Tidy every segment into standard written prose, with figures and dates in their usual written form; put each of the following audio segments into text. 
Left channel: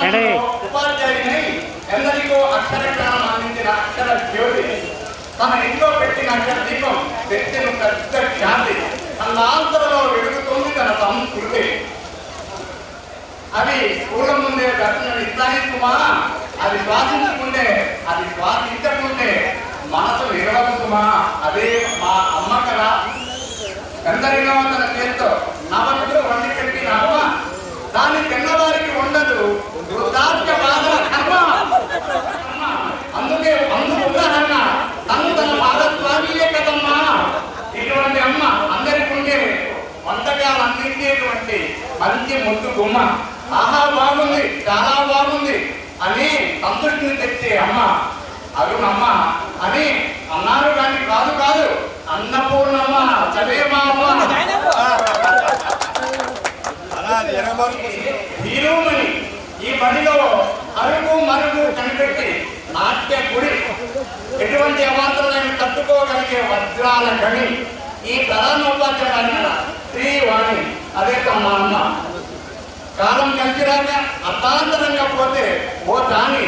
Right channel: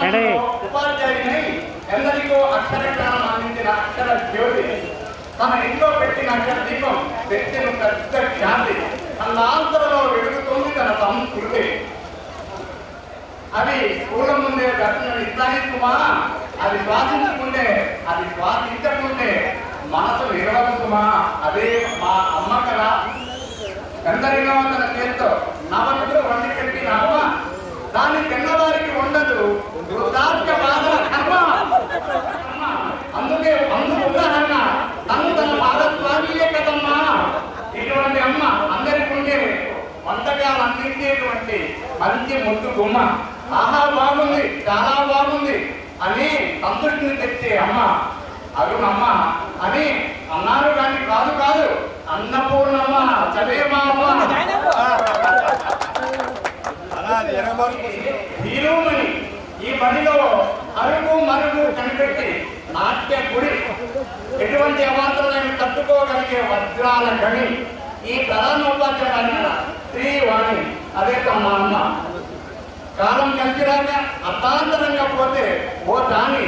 గ్రామంలో ఉపాధ్యాయుని ఎందరికో అక్షర జ్ఞానం అందించిన అక్షర జ్యోతి తన ఇంట్లో పెట్టిన అక్షర దీపం పెట్టిన పెద్ద ఖ్యాతి అన్నాంతరలో వెలుగుతోంది తన సంస్కృతి. అవి స్కూళ్ళ ముందే దర్శనం ఇస్తాయి సుమా, అది శ్వాసించకుండే మనసు నిలవదు సుమా. అదే మా అమ్మ కదా. ఎందరినో తన చేతితో నవతులు వండి పెట్టిన అమ్మ, దాన్ని తిన్నవారికి ఉండదు వృద్ధాప్య బాధల కర్మ. అందుకు ఉదాహరణ తను తన భారత్వామియే కదమ్మా. ఇటువంటి అమ్మ అందరికి ఉండే వంటకాలు అందించేటువంటి మంచి ముద్దు గుమ్మ. ఆహా బాగుంది, చాలా బాగుంది అని సంతృష్టిని తెచ్చే అమ్మ అరుణమ్మ అని అన్నారు. కానీ కాదు అన్నపూర్ణమ్మ, చదేమా అమ్మ. హీరోమణి ఈ బడిలో అరుగు మరుగు కనిపెట్టి నాట్య గుడి, ఎటువంటి అవాంతరాలను తట్టుకోగలిగే వజ్రాల గణి, ఈ ప్రధానోపాధ్యాయుల శ్రీవాణి. అదే మా అమ్మ. కాలం కలిసిరాక అర్థాంతరంగా పోతే ఓ దాని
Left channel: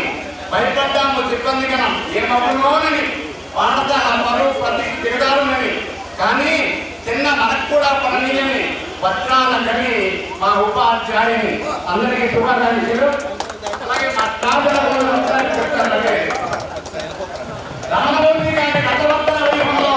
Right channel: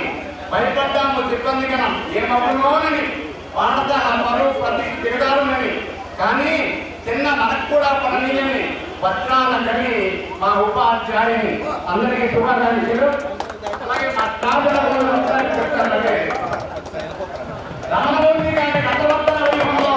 భయపడ్డాము సిబ్బందిగనం ఏమవునోనని, పాఠశాల మరో ప్రతి తిరగారునని. కానీ చిన్న మనకు కూడా పడనీయని వజ్రాల గని మా ఉపాధ్యాయుని. అందరికీ శుభాకాంక్షలు. అలాగే మా తాతల చెప్తారు రామమూర్తి గారి కథవర్తన వ్యూహంలో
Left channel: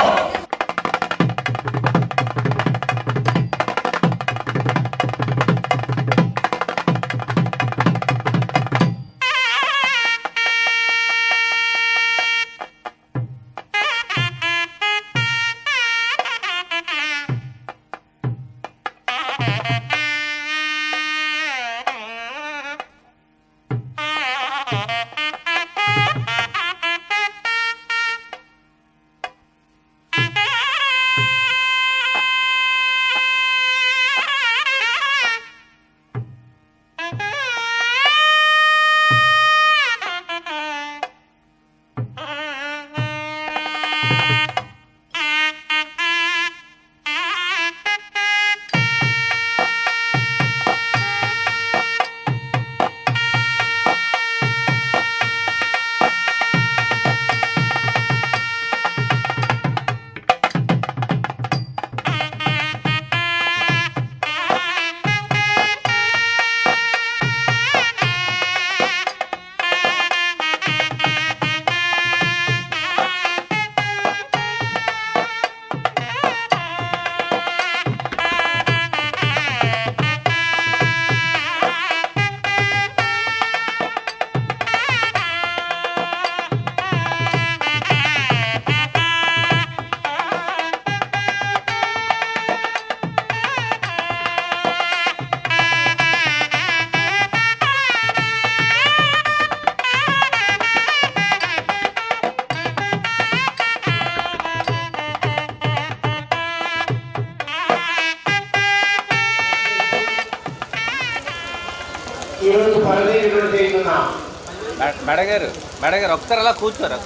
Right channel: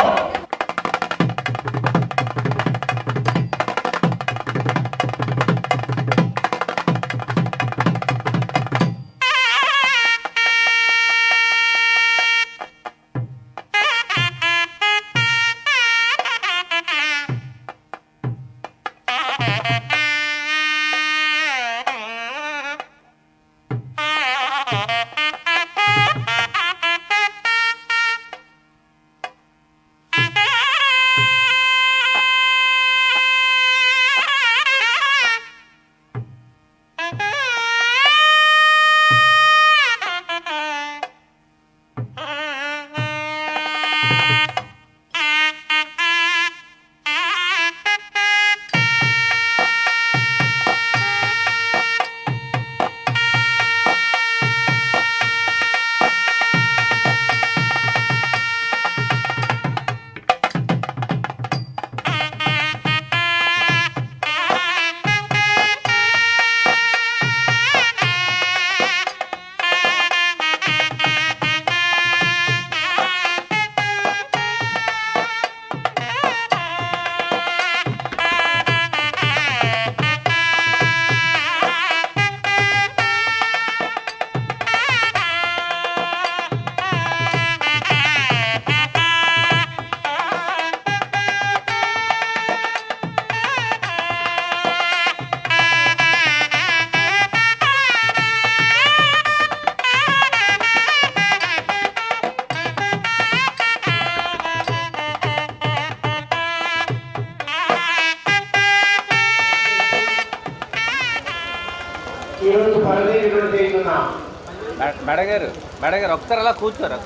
మేడం గారు ఒకసారి అలా కూర్చోండి.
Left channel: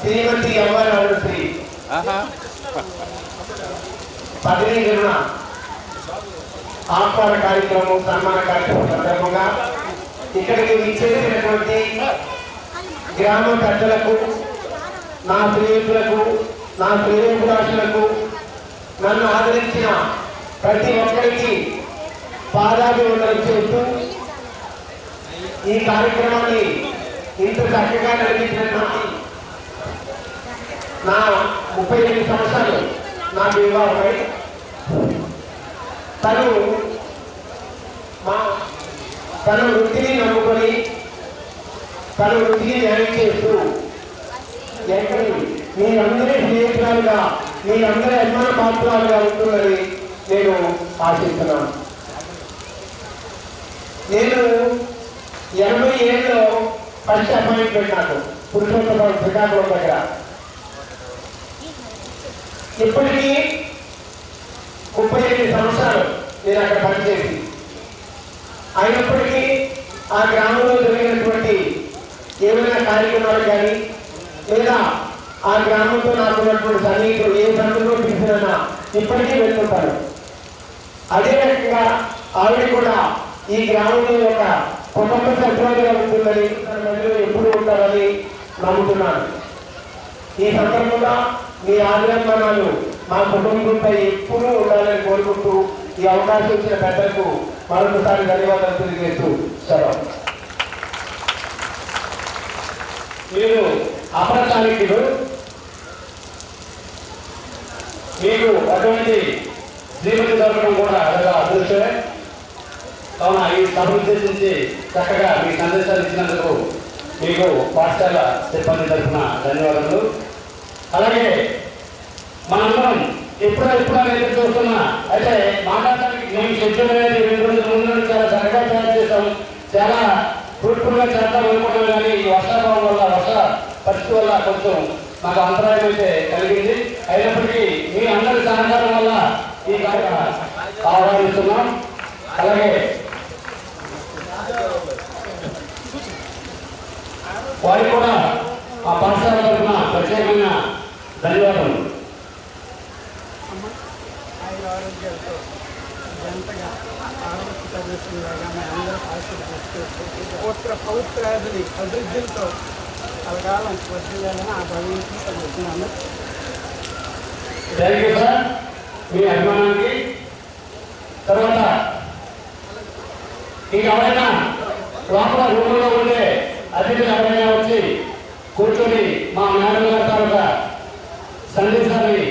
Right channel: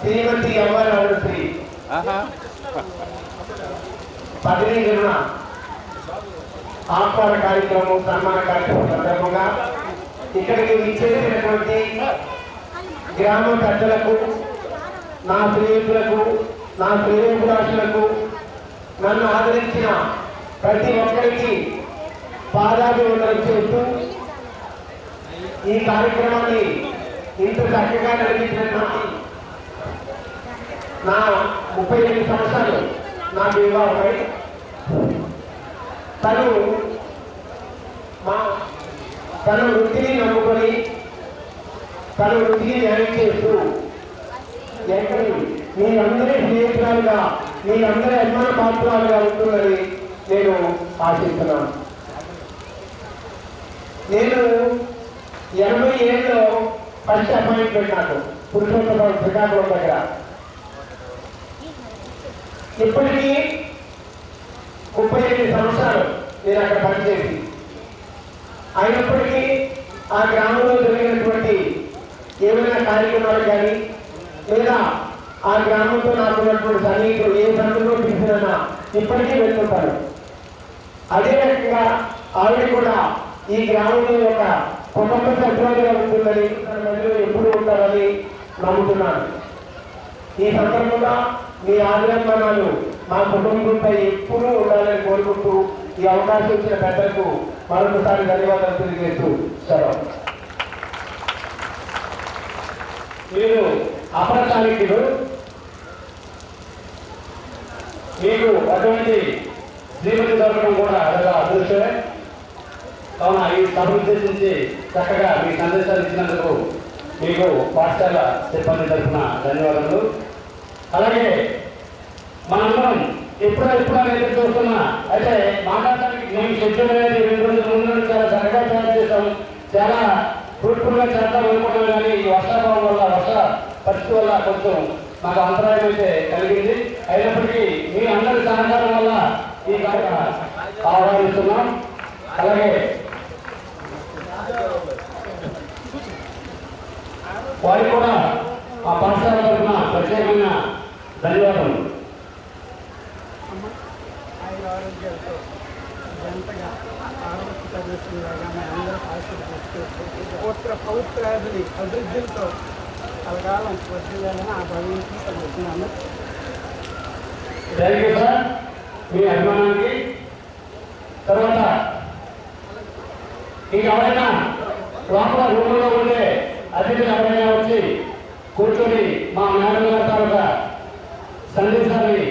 శ్రీమతి అమ్మాయి శ్రీ పదవీ విరమణ ఆహ్వాన కార్యక్రమం, సన్మాన కార్యక్రమం సందర్భంగా ఇక్కడికి విచ్చేసినటువంటి గ్రామ పెద్దలకు, నా స్నేహితులకు, నా శ్రేయోభిలాషులకు, నన్ను ఆదరించిన ప్రతి ఒక్కరికి పాదాభివందనం చేస్తూ ఈ కార్యక్రమాన్ని ఇంత చక్కగా నిర్వహించినటువంటి నా 38 సంవత్సరాలు నాకు వివాహమై తన వృత్తిని నమ్ముకొని తన వృత్తిని న్యాయం చేస్తూ మీరందరి స్నేహితురాలుగా, మీరందరి అభిమాన పాత్రాలుగా ఉంటుందని నేను ఆశిస్తున్నాను. నేను 87లో ఫస్ట్ అపాయింట్మెంట్ నాకు పురుషోత్తమ శ్రీకాకుళం దగ్గర. ఇప్పటికీ 38 సంవత్సరాలు నేను అక్కడ పనిచేసి, అయినప్పటికీ ఆ గ్రామంలో జరిగినటువంటి ఏమైనా కార్యక్రమాలు కానీ లేదా ఆ గ్రామంతో నాకున్నటువంటి సన్నిహితులు ఏ సందులో పిలిచినా ఇప్పటికీ వెళ్తుంటారు. అదే రకంగా ఆవిడ కూడా ఈ గ్రామంలో యొక్క కుటుంబ సభ్యులుగా ఉంటుందని తన మధ్యలో ఎప్పుడు ఉంటారని నమ్ముతున్నాను. ఈ సందర్భంగా మీ ఆగ్రహమానాలు మా కుటుంబంపై ఎప్పుడూ ఉండాలని కోరుకుంటూ ఈ అవకాశం ఇచ్చిన పెద్దలకు మరొకసారి ధన్యవాదాలు తెలియజేస్తూ సెలవు. మీరు అప్రచారికులు, మీకు అటువంటి శ్రీమతి దొరకడం కూడా అదొక అదృష్టమే. కావున ఈ సభను ఉద్దేశించి చక్కగా మీ సందేశాలు ఇచ్చినందుకు మీకు పాఠశాల సిబ్బంది తరఫున ధన్యవాదాలు. అలాగే మనందరం ఎప్పుడైతే చూస్తున్నా అయితే మాట్లాడటానికి మేము షెడ్యూల్ అనేది 2 రోజుల ముందు చాలా చక్కగా తయారు చేస్తాం, చాలా ఫ్రూట్ఫుల్గా చేద్దాం అనుకున్నాం. కానీ ఈ వర్షాభావం వల్ల, వర్ష పరిస్థితి వల్ల కొంచెం మాకు అంతరాయం అయితే కలిగింది. అయినప్పటికీ మీ అందరి సహకారం వల్ల ఈ కార్యక్రమం ఆహ్వానిస్తున్నాం. అలాగే వారికి కూడా ఆ పాఠశాల తరఫున ప్రత్యేకమైన ధన్యవాదాలు. ఆరోగ్యాలతో జంటగా ఆరోగ్య ప్రదేశంలాగా అందరూ ఆశీర్వదిస్తూ పవిత్రాదిని అభివృద్ధితో కలగాలం వర్ధిల్లాలని ఆ భగవంతుని చదువుతున్నాను. థ్యాంక్ యూ సార్ మీ అభిమానానికి. తర్వాత ఇంకా ఎవరైనా లోపల రూపంలో ఉంటే అతిథులు ఎవరైనా వచ్చి కూర్చొని మా మేడం గారి తాలూకా సందేశాన్ని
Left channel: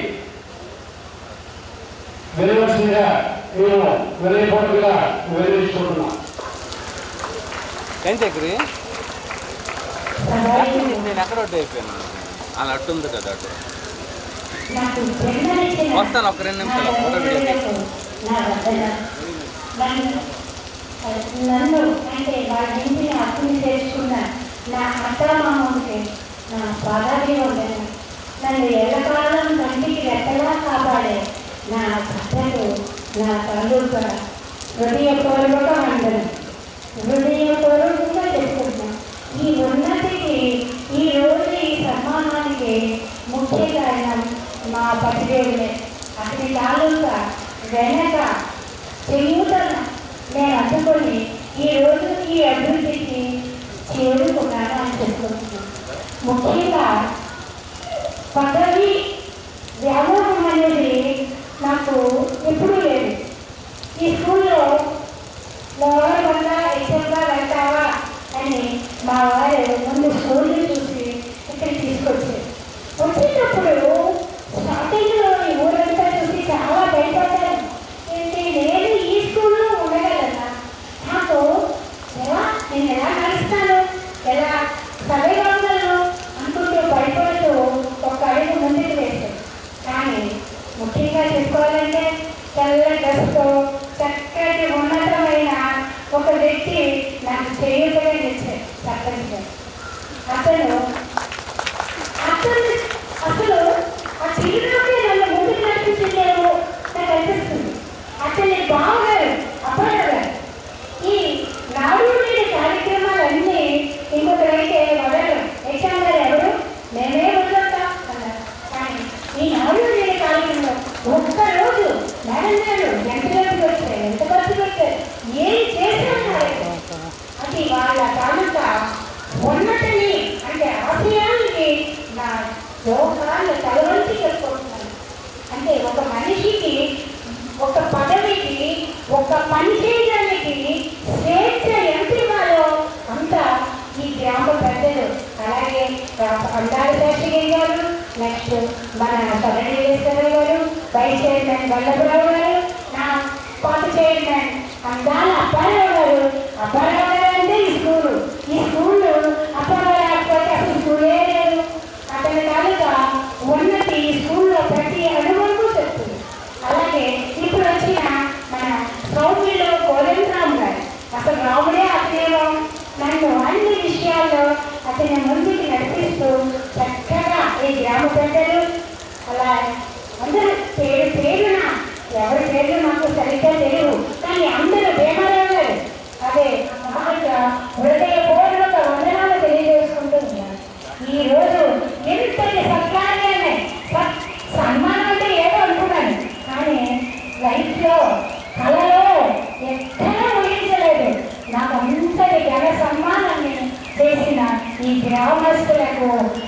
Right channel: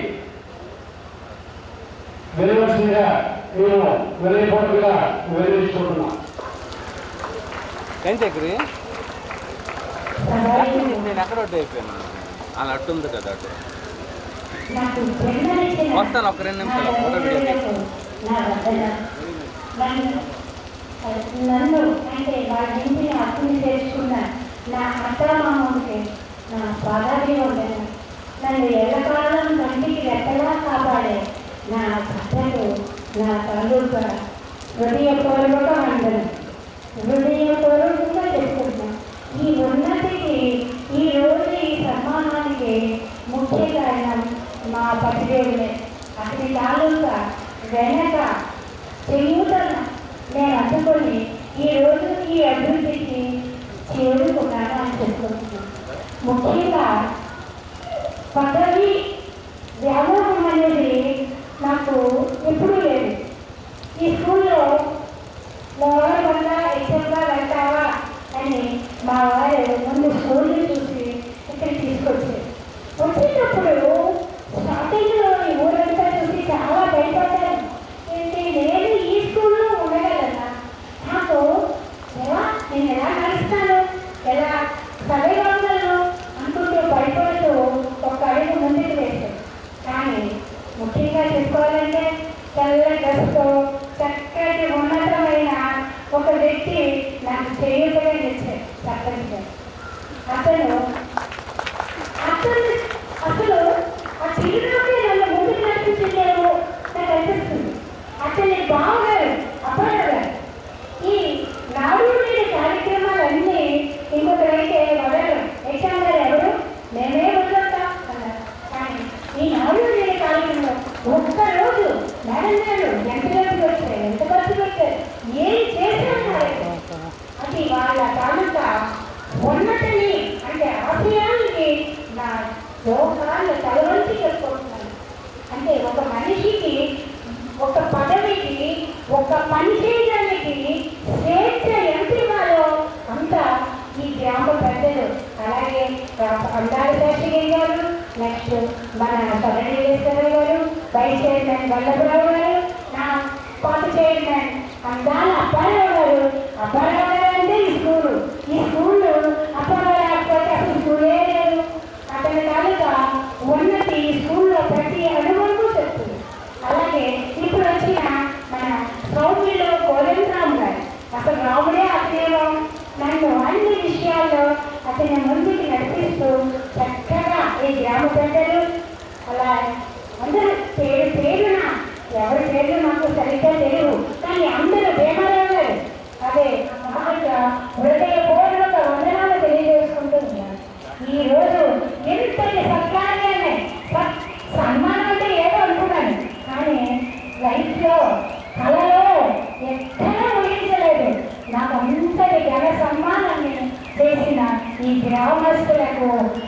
వినవలసిందిగా మేము వినయపూర్వకంగా వినియోగించుకుంటున్నాం. నేను ఎక్కడ అయిపోయాను అలా అట్టుంది కదా అటు వస్తాను. ఒక 2 నిమిషాలు ఫోటో వీడియో నన్ను అంటే వాళ్ళ ఇంటిని అప్పుని తెచ్చుకున్న నా అత్తమామ ఉంటే నా బాగానే ఉండను. నన్ను ఎల్లకాలం కంటికి రెక్కలా కాపాడే నా భర్తలు, నా తల్లుగా హృదయపూర్వక అందరం హృదయపూర్వకంగా చెప్పుకుంటాం. ఈ ఉన్నతికి, ఈ రోజు ఈ సన్మానానికి ముఖ్య కారణం మా పతిదేవులే. అతని తాలూకా వెనక చేయూతన నేను అందుకొని ఈ రోజు ఈ అభివృద్ధికి చేరుకున్నాను అని చెప్పుకుంటున్నాను. ముఖ్యంగా పదవి వ్యామోహం అనేది నాకు ఎప్పుడూ లేదు. ఈ స్కూల్లో ఎవరి వల్ల ఎగ్జామ్గా వెళ్తావా అని మా వారు ముందు స్కూల్ని చూసి ఇక్కడ తీసుకొచ్చారు. వచ్చేటప్పుడు స్టార్టింగ్లో ఈ ఊరంతా చూసి చాలా భయపడ్డాను. ఏంటి నేను ఈ స్కూల్లో ఉండగలనా? నాకు నేను ఎలా నడుస్తాను, ఎలా చదవగలను అనుకుంటూ భయపడుతూ ఒక అడుగు ముందుకు వేశాను. కానీ ముఖ్యంగా చెప్పుకోవాలంటే తెల్ల డ్రెస్తో చక్కటి ఉన్నతమైన ఒక వ్యక్తి నాకు చేయూతగా నిలిచారు. చక్కని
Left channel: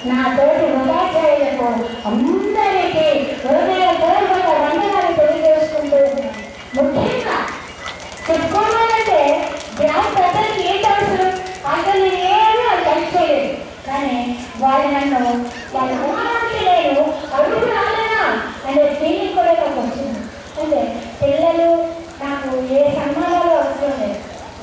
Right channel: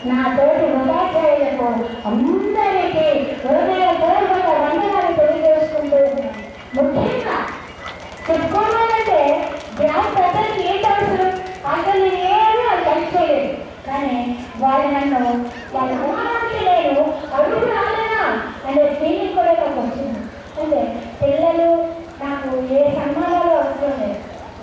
నా తోటి ఉపాధ్యాయులకు అందరికీ హృదయపూర్వక వందనాలు తెలియజేసుకుంటూ ఉన్నాను. ముఖ్యంగా చెప్పుకోవాలంటే గ్రామ ప్రజలకు ఏంటి అవసరం, అసలు ఏమీ వాళ్ళు హెల్ప్ చేయలేదు. కానీ వాళ్ళు నన్ను వాళ్ళ ఊహానికి నేను అడుగు రాలేనా అనే ఫీలింగ్ కూడా నాకు వచ్చింది. అంటే పిల్లలు నాకు ఏ సన్మానాలు వస్తుంది,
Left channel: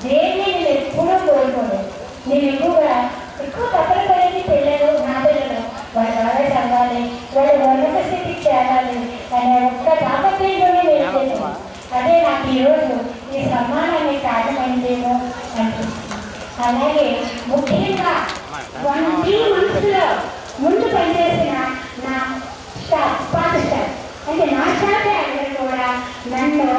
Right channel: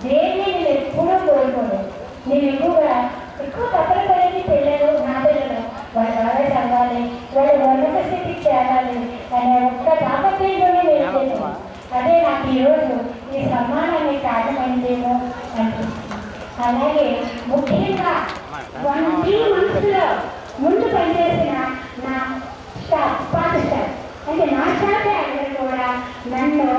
దేన్ని నేను ఎప్పుడూ కోరుకోలేదు. నేను ఎక్కువ తప్పని పడేది పిల్లలు, నా పిల్లలు వాళ్ళు బాగా చదవాలి, వాళ్ళు ఉన్నత స్థితికి చేరాలి అనే ఒక్క తాపత్రయంలోనే నేను చేశాను. అదే నాకు ఈరోజు ఈ సన్మానాన్ని కారణమైందేమో అనిపిస్తుంది. అలాగే ముఖ్యంగా 3 monthsలో ముందు పనిచేసిన నా స్టాఫ్, పాత స్టాఫ్ అంటే నా స్టాఫే అందరూ కూడా నన్ను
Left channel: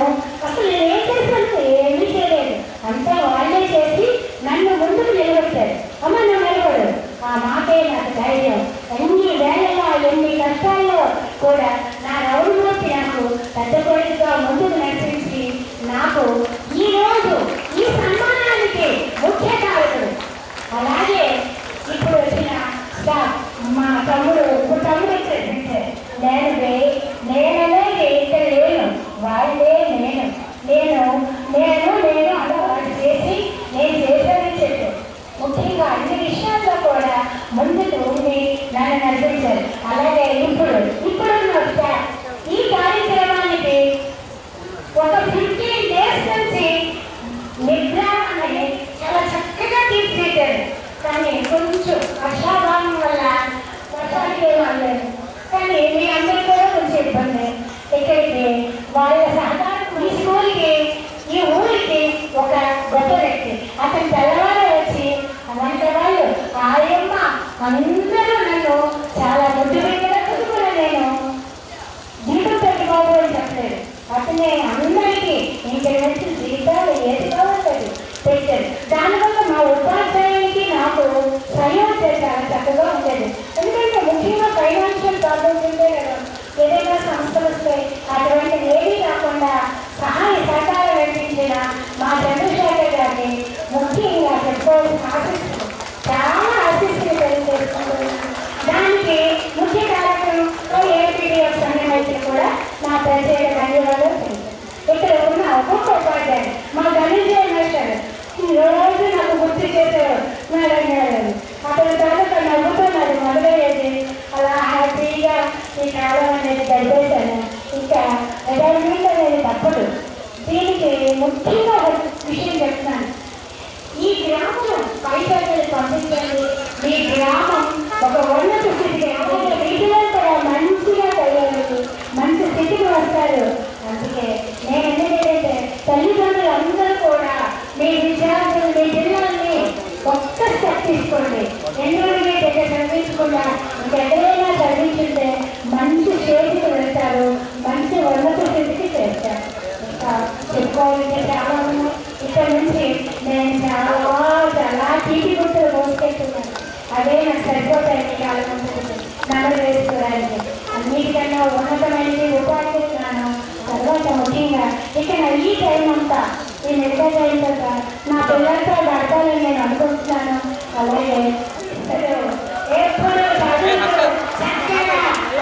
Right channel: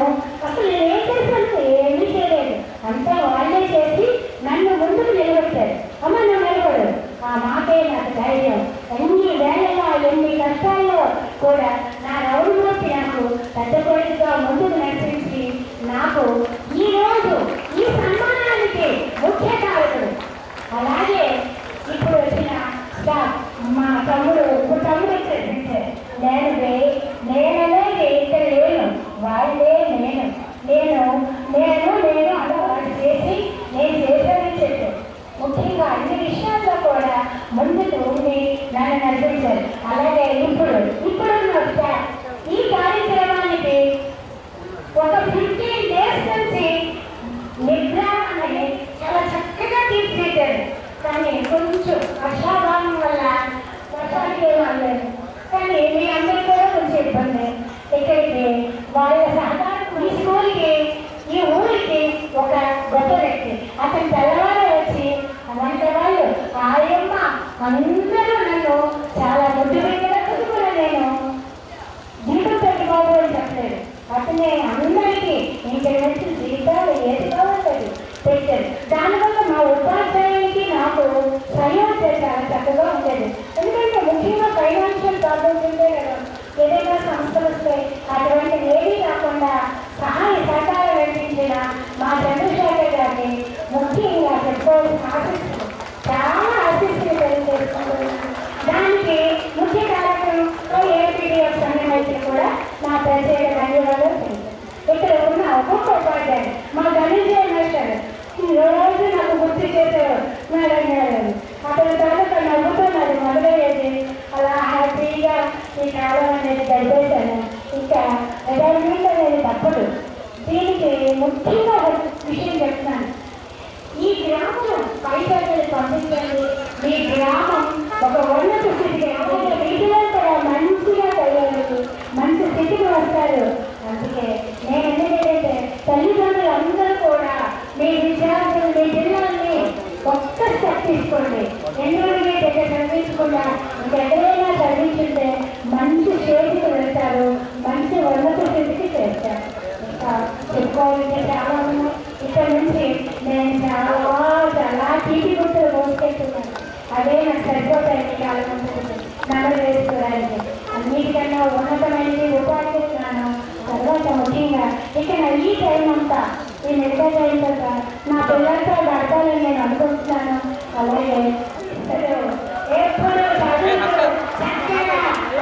అసలు నేనేం చేశాను ఏమీ చేయలేదు, అంతా వాళ్ళే చేసి నన్ను ముందుకు నిలబెట్టారు. అమ్మ నువ్వు నిలబడు, ఆ మాటే నాకు ధైర్యం. ఎన్ని వేళల్లో ఎన్ని కష్టాల్లో కూడా నా రౌడుమూర్తి నాకు పెద్ద కోరికగా ముందుకు నడిపించి నాకు ఈరోజు ఈ సన్మానానికి ముఖ్య కారకుడు. అలాగే ఇప్పుడు వచ్చిన స్టాఫ్ మా తమ్ముడు నేననేది ఇక్కడ లేను, వాళ్ళే నేను అలా వాళ్ళు చేసి నేను చేశానని చెప్పాను. ముఖ్యంగా అన్ని విషయాల్లో కూడా ముందుకు ఉండి నన్ను నడిపించారు. అలాగే ఇప్పుడున్న స్టాఫ్ ఈ కార్యక్రమానికి ఒక 15 days నుంచి నిద్ర అనేది చాలా చక్కగా తీర్చిదిద్దారు. కానీ కొంచెం వర్షాభావం వల్ల వర్షానికి ఏమనలేదు. కానీ మీ అందరికీ కూడా కొంచెం ఇబ్బంది. ఇక్కడికి వాళ్ళ సహకారం ఈ స్కూల్కి ఈ ఊరికి ఒక గొప్ప వ్యక్తి, అతను తెల్లవారు వచ్చి అలాంటి వాళ్ళు ఆయమ్మ అందరూ నన్ను చాలా ముద్దు పెట్టినప్పుడు కూడా నేను జీతం పెట్టుకోవాలి అని చెప్పలేదు. అతనే అందరికీ ఇంటర్నెట్ జీతాలు ఏది కావాలి పెట్టారు. దానివల్ల మా ఉపాధ్యాయునికి నాకు సహయోగం చాలా చక్కగా ఉండేది. ఎందుకంటే ముఖ్యంగా ఫైనాన్షియల్ ప్రాబ్లమ్స్ ఉంటే కదా ఏదైనా సంస్థలు వస్తాయి, అటువంటి ఏమీ కాకుండా సహాయ సహకారం నడిపించిన మా చంద్రశేఖర్ గారిని ముఖ్యంగా చెప్పుకోవాల్సిన ఆశిస్తులు చాలా ఆశిస్తులు తెలియజేసుకుంటున్నాను. దానికి ముఖ్య కారణం ఏపీడీఎఫ్ సంఘమైతే కూడా నా ప్రత్యేక ధన్యవాదాలు తెలుసు. ఇక్కడ ఉన్న ఒక్కొక్క ఉపాధ్యాయులు మా ధనంజయ మాస్టర్ ఈరోజు నాకు గుర్తు చేసేవారు మేడం గారు. అతని తర్వాత నవ్వుతున్నారు మొదలయ్యేది. అలా హ్యాపీగా ఈ కాలం అనేది గడిపేశాను. ఇంకా రిటైర్మెంట్ అనేది తప్పదు. దీనికి ముఖ్యంగా ఒక విషయం చెప్తున్నాను. ఈ గ్రామం పైసలు పంపించండి, మీ గ్రామం ఒక ఉన్నత స్థితికి వీటిలో కూడా మంచిగా తయారు మంచి స్థితికి వస్తారు. అందుకే నేను ఎందుకంటే తల్లిదండ్రులు అందరూ కూడా మీ విద్యార్థులు మీ పిల్లల్ని ఒక్క స్టెప్ తీసుకోండి. ఎందుకంటే దగ్గర చదివించకుండా ఇంకెక్కడైనా చదివించుంటే మంచి స్టేజ్కి వెళ్తారు, మంచి ఉన్నత స్థితికి చేస్తారు. ఇంకా చెప్పుకోవాలంటే చాలా ఉన్నాయి. ఇక్కడ నుంచి నేను చాలా తీపి గుర్తులు మోసుకెళ్తున్నాను. అదే నాకు సరిపోతాయి చాలా మంది నగలు వేసుకోవడానికి. అన్నిటికన్నా ఉన్నతమైనది ఉపాధి జ్ఞానం. తర్వాత ముఖ్యంగా ఇక్కడ ఈ టైం అంతా ఈ నిర్ణయం అయిన తర్వాత నా పిల్లలతో గడపాలని నేను అనుకుంటున్నాను. అలాగే ఎప్పుడు చక్కగా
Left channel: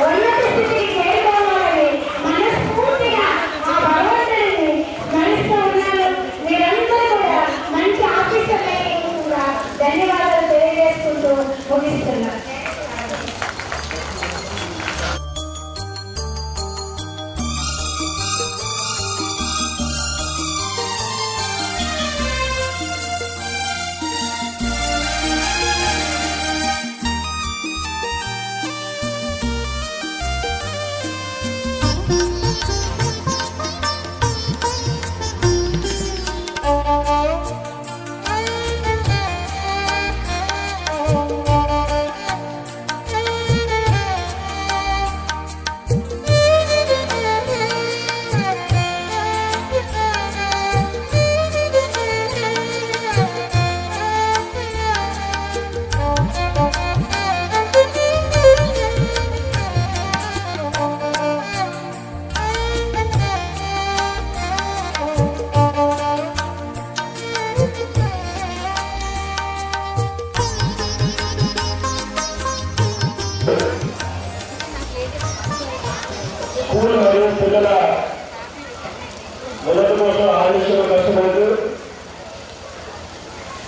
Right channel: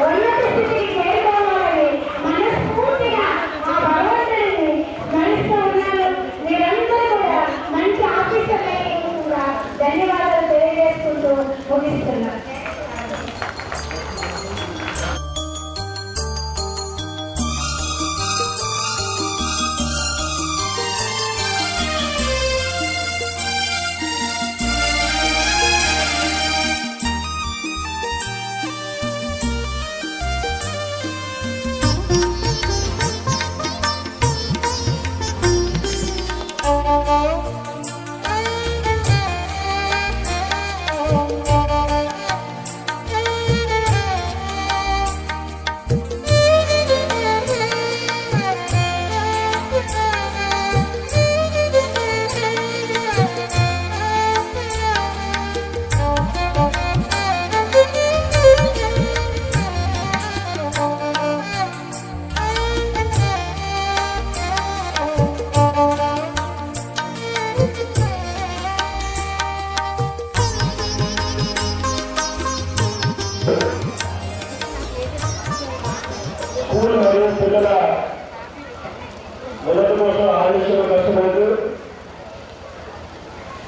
ఉన్నత స్థితికి చేరుకోవాలని మనస్ఫూర్తిగా ఆ భగవంతుడిని స్మరిస్తూ ఉన్నాను. మీరందరూ కూడా మంచి ఆఫీసర్లు ధన్యవాదాలు తెలియజేసుకుంటూ ముగిస్తున్నాను.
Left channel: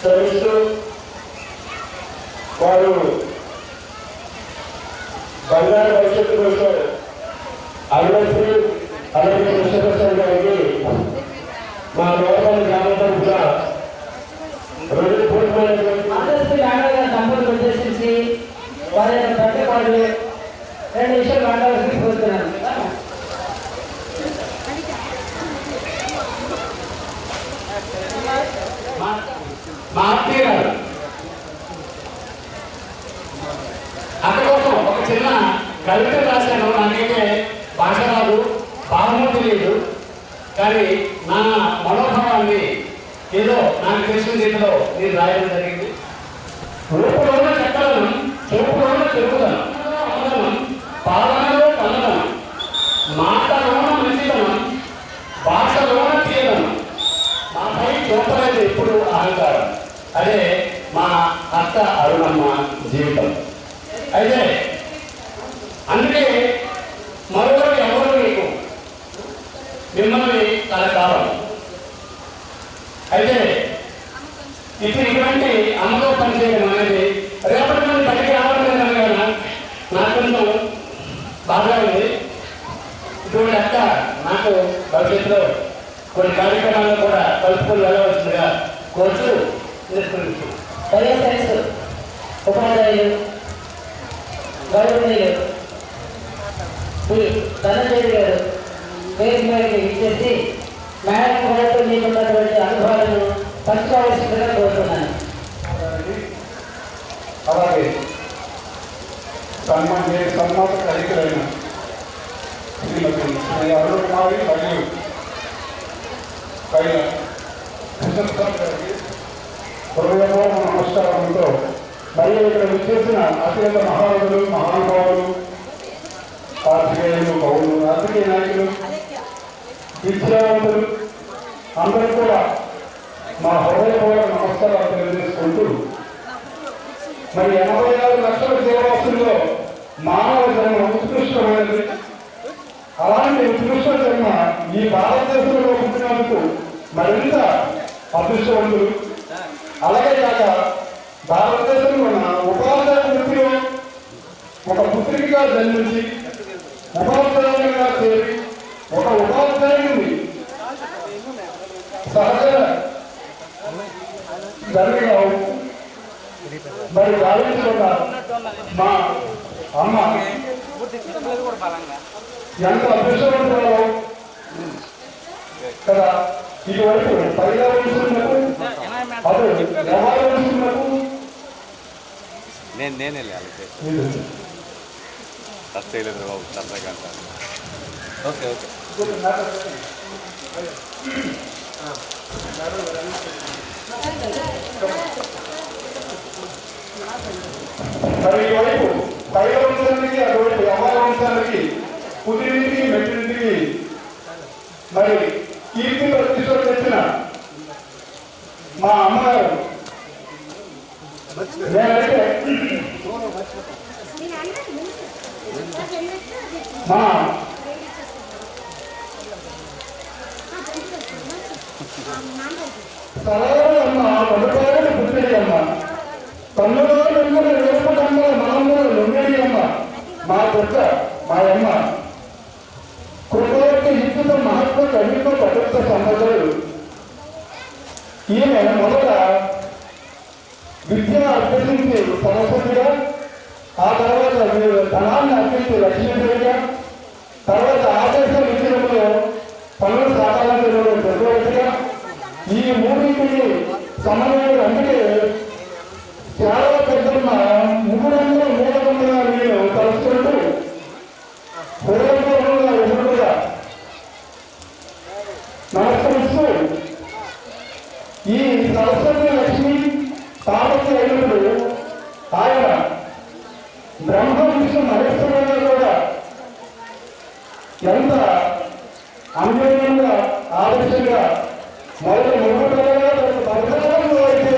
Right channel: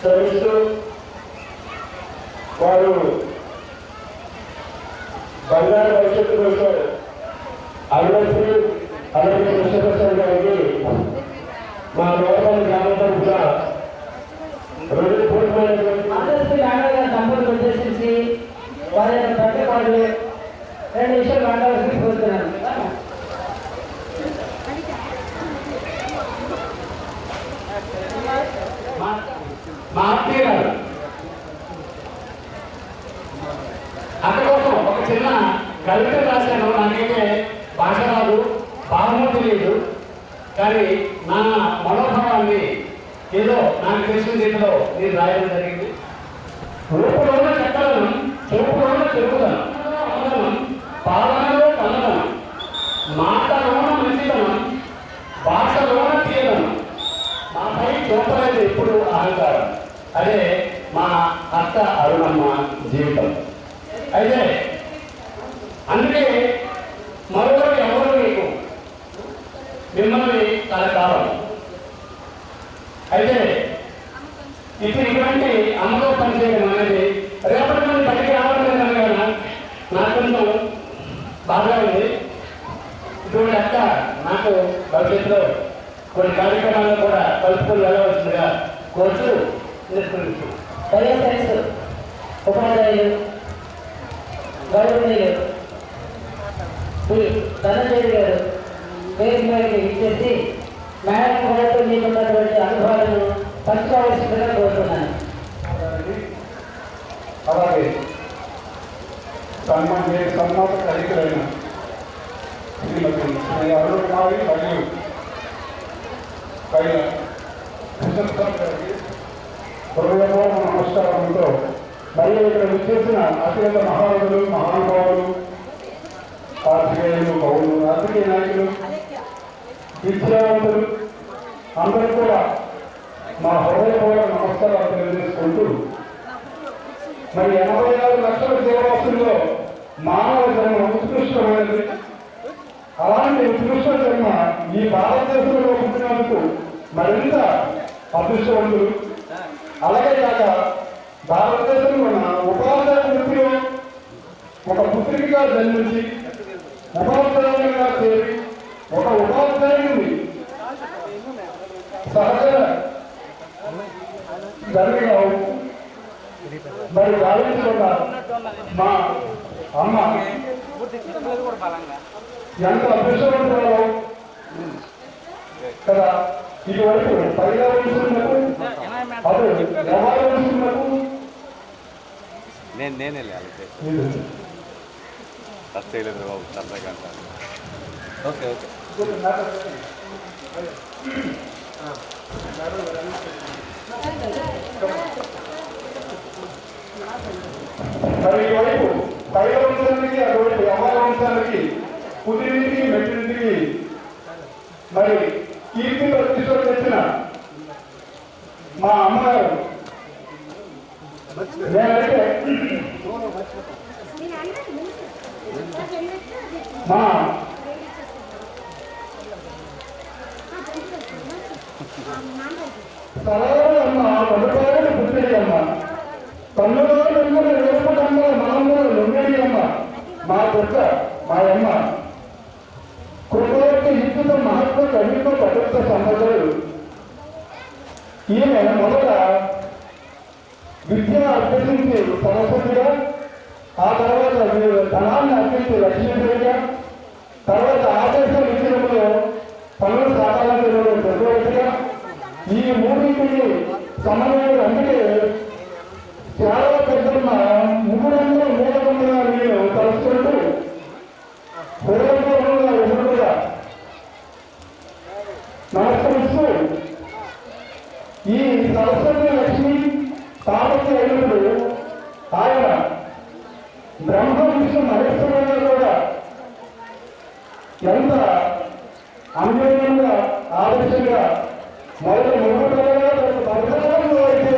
శ్రమిస్తూ వారు బంగారు భవిష్యత్తు కోసం అభివృద్ధి అలాగే కృష్ణప్రసాద్ గారికి మా లోపల గ్రామం తరఫున రెండు పూర్వమైనటువంటి దంపతులు ఉద్దేశించి వారి యొక్క ప్రతిపాడు 2 నిమిషాలు మాట్లాడాల్సి కోరుతున్నాను. మా అత్తయ్య గారు అక్కడ కోసం ఒక చిన్న కవిత రాశాను. నాకైతే భాష రాదు, భావము తెలియదు, కానీ నా మనోభావాన్ని ఏదో నాకు తెలిసిన రీతిలో నేను రాయడం జరిగింది. రూపంలోనే చక్కదనం, చూపులోనే చెరుకుదనం, పాలనలో కన్నదనం, మాటలోన మంచిదనం, భాషలోన తీయదనం, నాపై చూపలేదు ఎప్పుడు అహంకారం. అదే మా అత్త అరుణమ్మ జీవితం. అయితే అందుకే మరొకరు ఎవరు మీకు మిమ్మల్ని కలకాలం. అయితే ఇప్పుడు ఇటువంటి అమ్మలో పనిచేయడం అనేది రేపటి నుండి బయటికి రావడం లేదనగా నాకెంతో బాగా ఉంది. ఇటువంటి అక్క నాకు భవిష్యత్తులో కొన్ని కార్యక్రమాల్లో కూడా కలుపుకొని వెళ్ళవలసిందిగా కోరుతూ నిర్ణయించు. వైఎస్ఆర్ఎస్ ఉపాధ్యాయులు గౌరవనీయులు శ్రీ ధనంజయ గారు వేదిక మీదకి ఇచ్చేసి మేడం గారితో మీకున్నటువంటి అనుభవాలను పంచుకోవాల్సిందిగా కోరుతున్నాను. అలాగే సన్మాన కలిగిన శ్రీమతి శ్రీ అరుణ కుమారి మరియు కైల కృష్ణప్రసాద్ గారికి హృదయపూర్వక నమస్కారంతో మరియు ఇక్కడ విచ్చేసిన అత్యంత మహానుభులు, మహానుభావులు, పాత్రికేయులు, పౌరులు, రాజకీయ నాయకులు, విద్యావంతులు అందరూ కూడా మా హృదయపూర్వక నమస్కారాలు తెలియజేసుకుంటూ మరి 86 లక్షల జీవరాశుల్లో మానవ జన్మ ఉత్కృష్టమైనది. అలాంటి ఉత్కృష్ట జన్మ ఈ భారతదేశంలో పుట్టినందుకు మరింత అదృష్టవంతులు. అలాగే కాక భారతదేశంలో ఉన్న ఉపాధ్యాయ వృత్తిలో ఒక పుత్రికగా జన్మించి ఉపాధ్యాయునిగా చేరి ఒక ఉపాధ్యాయుని సహజ జరిగిన మరి భావించుకున్న మా అమ్మ ఎంత అదృష్టవంతురాలో కదా. ఇటువైపు పర్యావరణకు అటు వ్యవహారకు నేనే లేదు బాబు సరదాగా అంటాను. ఓకే ఓకే మరి ఈవైపు పైల వంశానికి అటువైపు వ్యవహార వంశానికి కుదిరింటికి మెట్టింటికి మరి కీర్తి ప్రతిష్టలు తెచ్చిన మా అమ్మగారు నేనైతే మా సలహాలు అమ్మ పడుకోవాలని పుట్టిడి అమ్మ తొమ్మిదో ఎనిమిది వేసుకుంటాము మనము లొంగడి అమ్మ మా పుట్ట మా అమ్మ కృపకి ఇచ్చిన మహత్వ కవిత ప్రభుత్వ సంబంధాలు. ఈమె మొదట విద్యను అభ్యసించి సరస్వతిగా, ఆ తర్వాత ధనాన్ని అర్పించి లక్ష్మీదేవిగా, తర్వాత ఆదేశ విద్యలో పనులు సాకారం చేయడం చక్రవర్తిగా, ఈ మూడింటిని సమన్వయం. అందుకే చాలా పెద్దమ్మ 300 నేను తలుచుకుంటూ హృదయపూర్వకంగా ఎదురుగా నమస్కరిస్తూ ఈ సరస్వతి లక్ష్మి తాపతి అయినప్పుడు ఆయన బ్రహ్మ విష్ణు మహేశ్వరుగా కూడా ఎంత అన్యోన్యంగా ఆదర్శంగా మొదటి 3 అయితే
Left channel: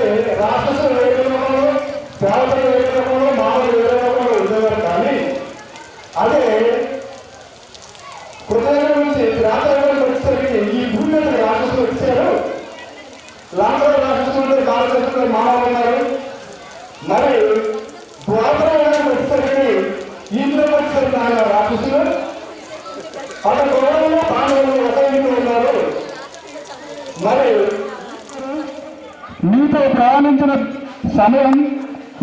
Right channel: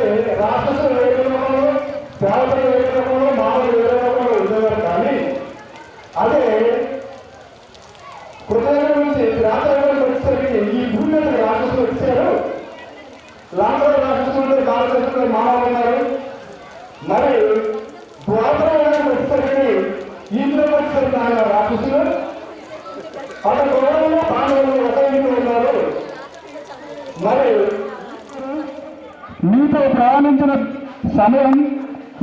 మంది మానవులు ఉన్నారు. మరి ద్వాపరాయణం వచ్చేసరికి ఇంట్లో వచ్చేసరికి ఆయన రాక్షసులు అక్కడ గొడవలు పాండవులు ఒక ఇంట్లో ఉన్నారు. మరి మీతో ప్రయాణించిన సమయం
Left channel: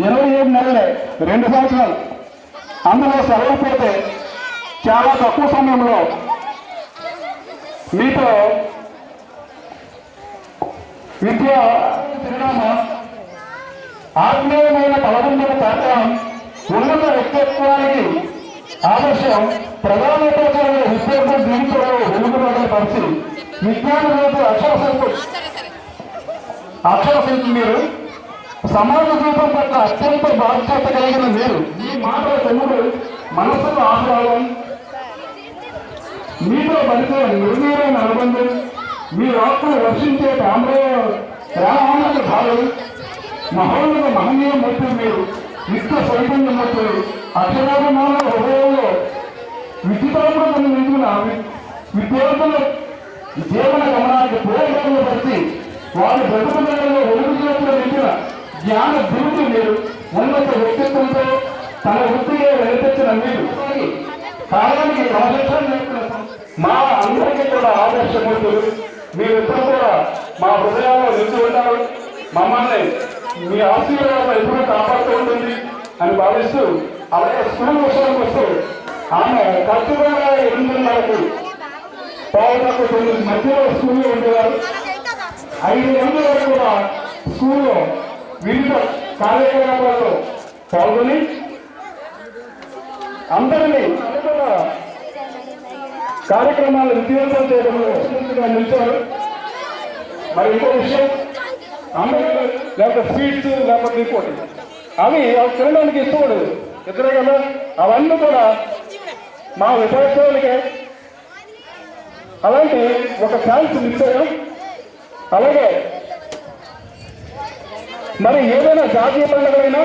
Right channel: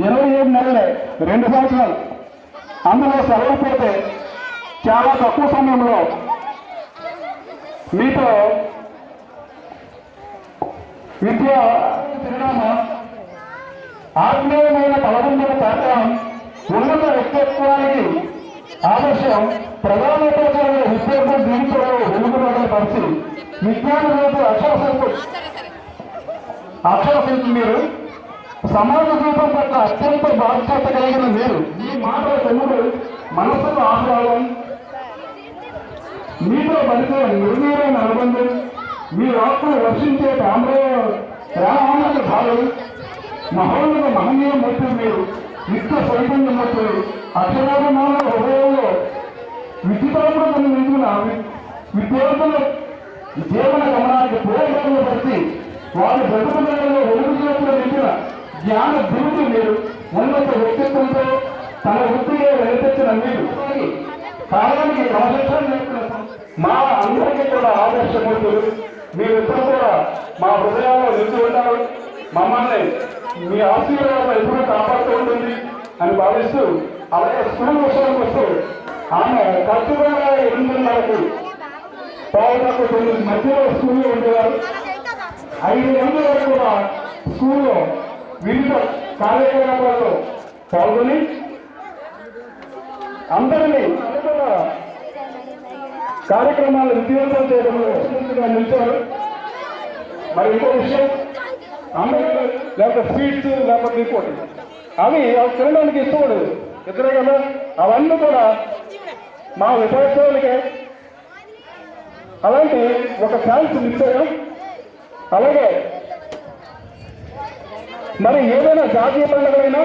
27 నెలలే, 2 సంవత్సరాలు. అందులో సెలవుపోతే చాలా తక్కువ సమయంలో మీతో విద్య పరిణామం, ఆత్మీయమైన బలవంతుల తాత్వం, ఉన్నత వ్యక్తిత్వానికి ఆదర్శం, ప్రధానోపాధ్యాయుల విద్యార్థుల జీవితంలో వెలుగుబాటు పరిచి విజ్ఞాన రేపు అక్షరశిల్పి మీరు, సమాజ జీవితం పట్ల అత్యంత బాధ్యత కలిగిన మీరు, మీ మాటల తెలుగు మనసులో ఆహ్లాదం, మీతో పరిచే నిర్ణయమైన అనుబంధం, మీ వాక్కులు వర్షించే రామాయణ భావం, మహోన్నత మహనీయ మూర్తులు మీరు, విశ్వ చైతన్య మూర్తులు, అక్షరాభిమాన హృదయంలో విద్యుతాత్మకను నిండిన విద్యార్థుల జీవన గమనానికి పూర్వకంగా పరిచి వారి బ్రతుకులలో వెలుగు చేతులు నిండిన జ్ఞాన దిగుతూ మీరు, ఉన్నత వ్యక్తిత్వంతో తన వృత్తిగా వెలిపించిన మీరు, కాలానికి క్రమశిక్షణ నేర్పిన మా అందరికీ కూడా ఆదర్శమూర్తులు. మీరిద్దరూ కూడా మా హృదయాల్లో నిలిచి ఉంటారు. మమ్మల్ని మీ ఆశీర్వాదం ఎప్పుడూ కాపాడుతూ ఉంటుంది అని భావిస్తూ, అలాగే స్కూల్ విషయానికి వస్తూ ఆమె ఖచ్చితంగా 8:30కు 9:30 మధ్యలో స్కూల్లో ఉండేవారు. 5 గంటల వరకు కూడా స్కూల్లో వివిధ కార్యకలాపాల్లో పాల్గొని అందరినీ కార్యక్రమాలు విజయవంతం చేయడంలో నిలిచారు. మరి ఇంకో విషయం, అందరూ లేకపోతే స్వీట్స్ లేకపోతే ఇంకోటి అవి తినడానికి ఇష్టపడదు, ఇద్దరే కదా, అవన్నీ కూడా మా విద్యార్థులకే. అలాంటి ఒక ఛాన్స్ మిస్ అయ్యాం. అలాగే మరి ఏదైనా జాతీయ పండుగలైనా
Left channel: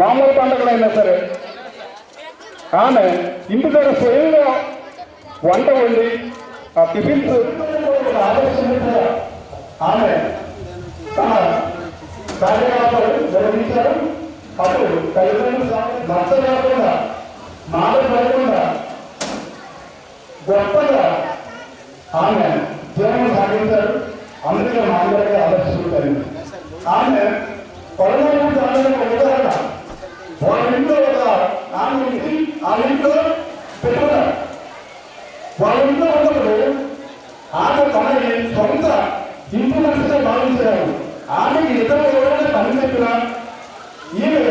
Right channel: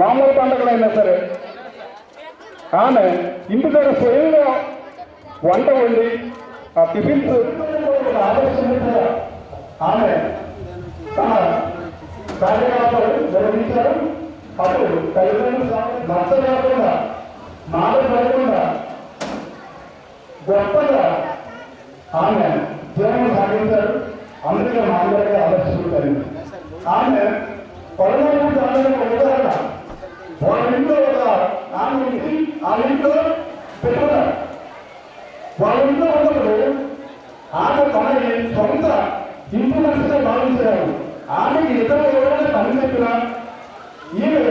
మామూలు పండుగలైనా సరే ఆమె ఇంటి దగ్గర స్వయంగా వంట వండి ఆ టిఫిన్స్ ఆదర్శంగా ఆమె తన కార్యకలాపాలు నిర్వహించారు. అప్పుడు తల్లిదండ్రులు నచ్చలేకుండా మాట్లాడకుండా గొప్పగా ఆమె జీవనం సాగించారు. అందుకే మా అందరికీ ఆదర్శించారు. ఆమె పరమాత్మ ఒక ఉదాహరణ. వాళ్ళ ఇంట్లో ఒక ఆమె ఉంది, ఆ ఇంట్లో పెట్టుకున్నారు. వాళ్ళ ఇంట్లో ఉన్నప్పుడు ఆమె తనని సొంత ఇంటి మనసుగా భావించారు. ఆమెకి ఇతరులు ఎవరైనా పని చెప్పినా ఈమె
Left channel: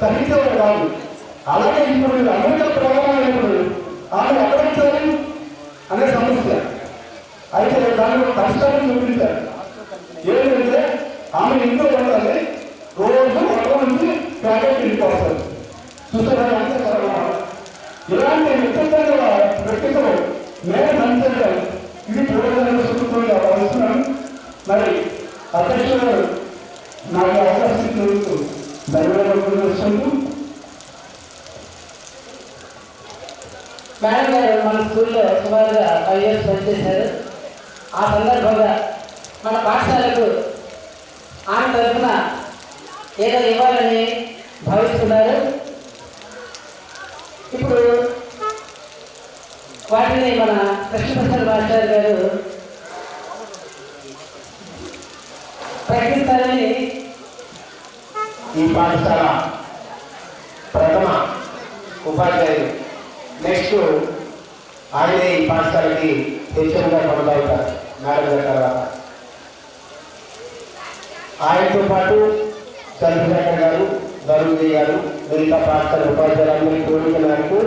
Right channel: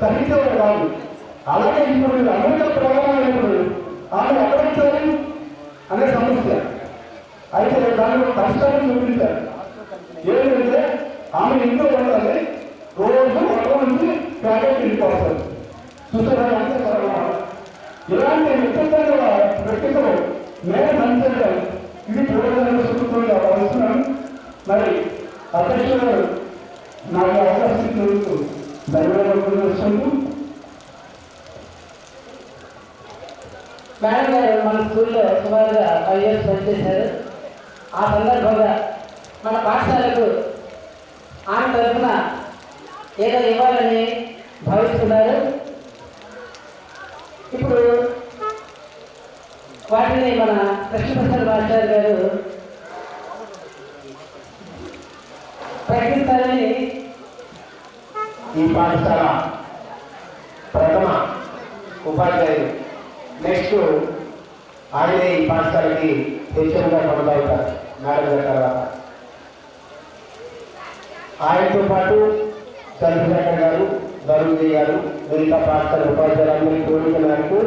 సహించేవారు కాదు. అలాగే ఇప్పుడు అమెరికా ప్రయాణమైనప్పుడు ఆమె అక్కడించాలి అనే సమస్య. అయితే దానిలో కష్టాన్ని చూపించారు. ఏంటంటే ఆమె ఇంట్లో ఉండాలి, రోజు ఒక నుంచి ప్యాకెట్ ఇంటికి చూసారా? ఇలాంటి వ్యక్తిత్వంగా వ్యక్తిత్వం నేను మంచిగా ఇది పూర్వజన్మ సుఖంగా భావిస్తున్నాను. మరి అధ్యక్షుడు నాకు అవకాశం తెలుస్తూ ధన్యవాదాలు వస్తుంది. మేడం గారు మన స్కూల్లో సుమారుగా 5 years పనిచేశారు. ఆ సందర్భంగా మన పాఠశాలకు ఆమె తరఫున ఏదో ఇవ్వాలని భావిస్తున్నారు. ఇప్పుడు వాటిని మన కృష్ణప్రసాద్ మాస్టర్ గారు ప్రకటిస్తారని ఈ పాఠశాల ప్రథమ ఉపాధ్యాయులు, నెక్స్ట్ ఆయనే ఈ పాఠశాలకి హెచ్ఎంగా కొనసాగుతారు మేడం గారి తర్వాత. ఆయనతో పాటు చంద్రశేఖర్ గారు, ధరుణి గారు, మిగతా పాఠశాల ఉపాధ్యాయులందరికీ కోరిక మేరకు,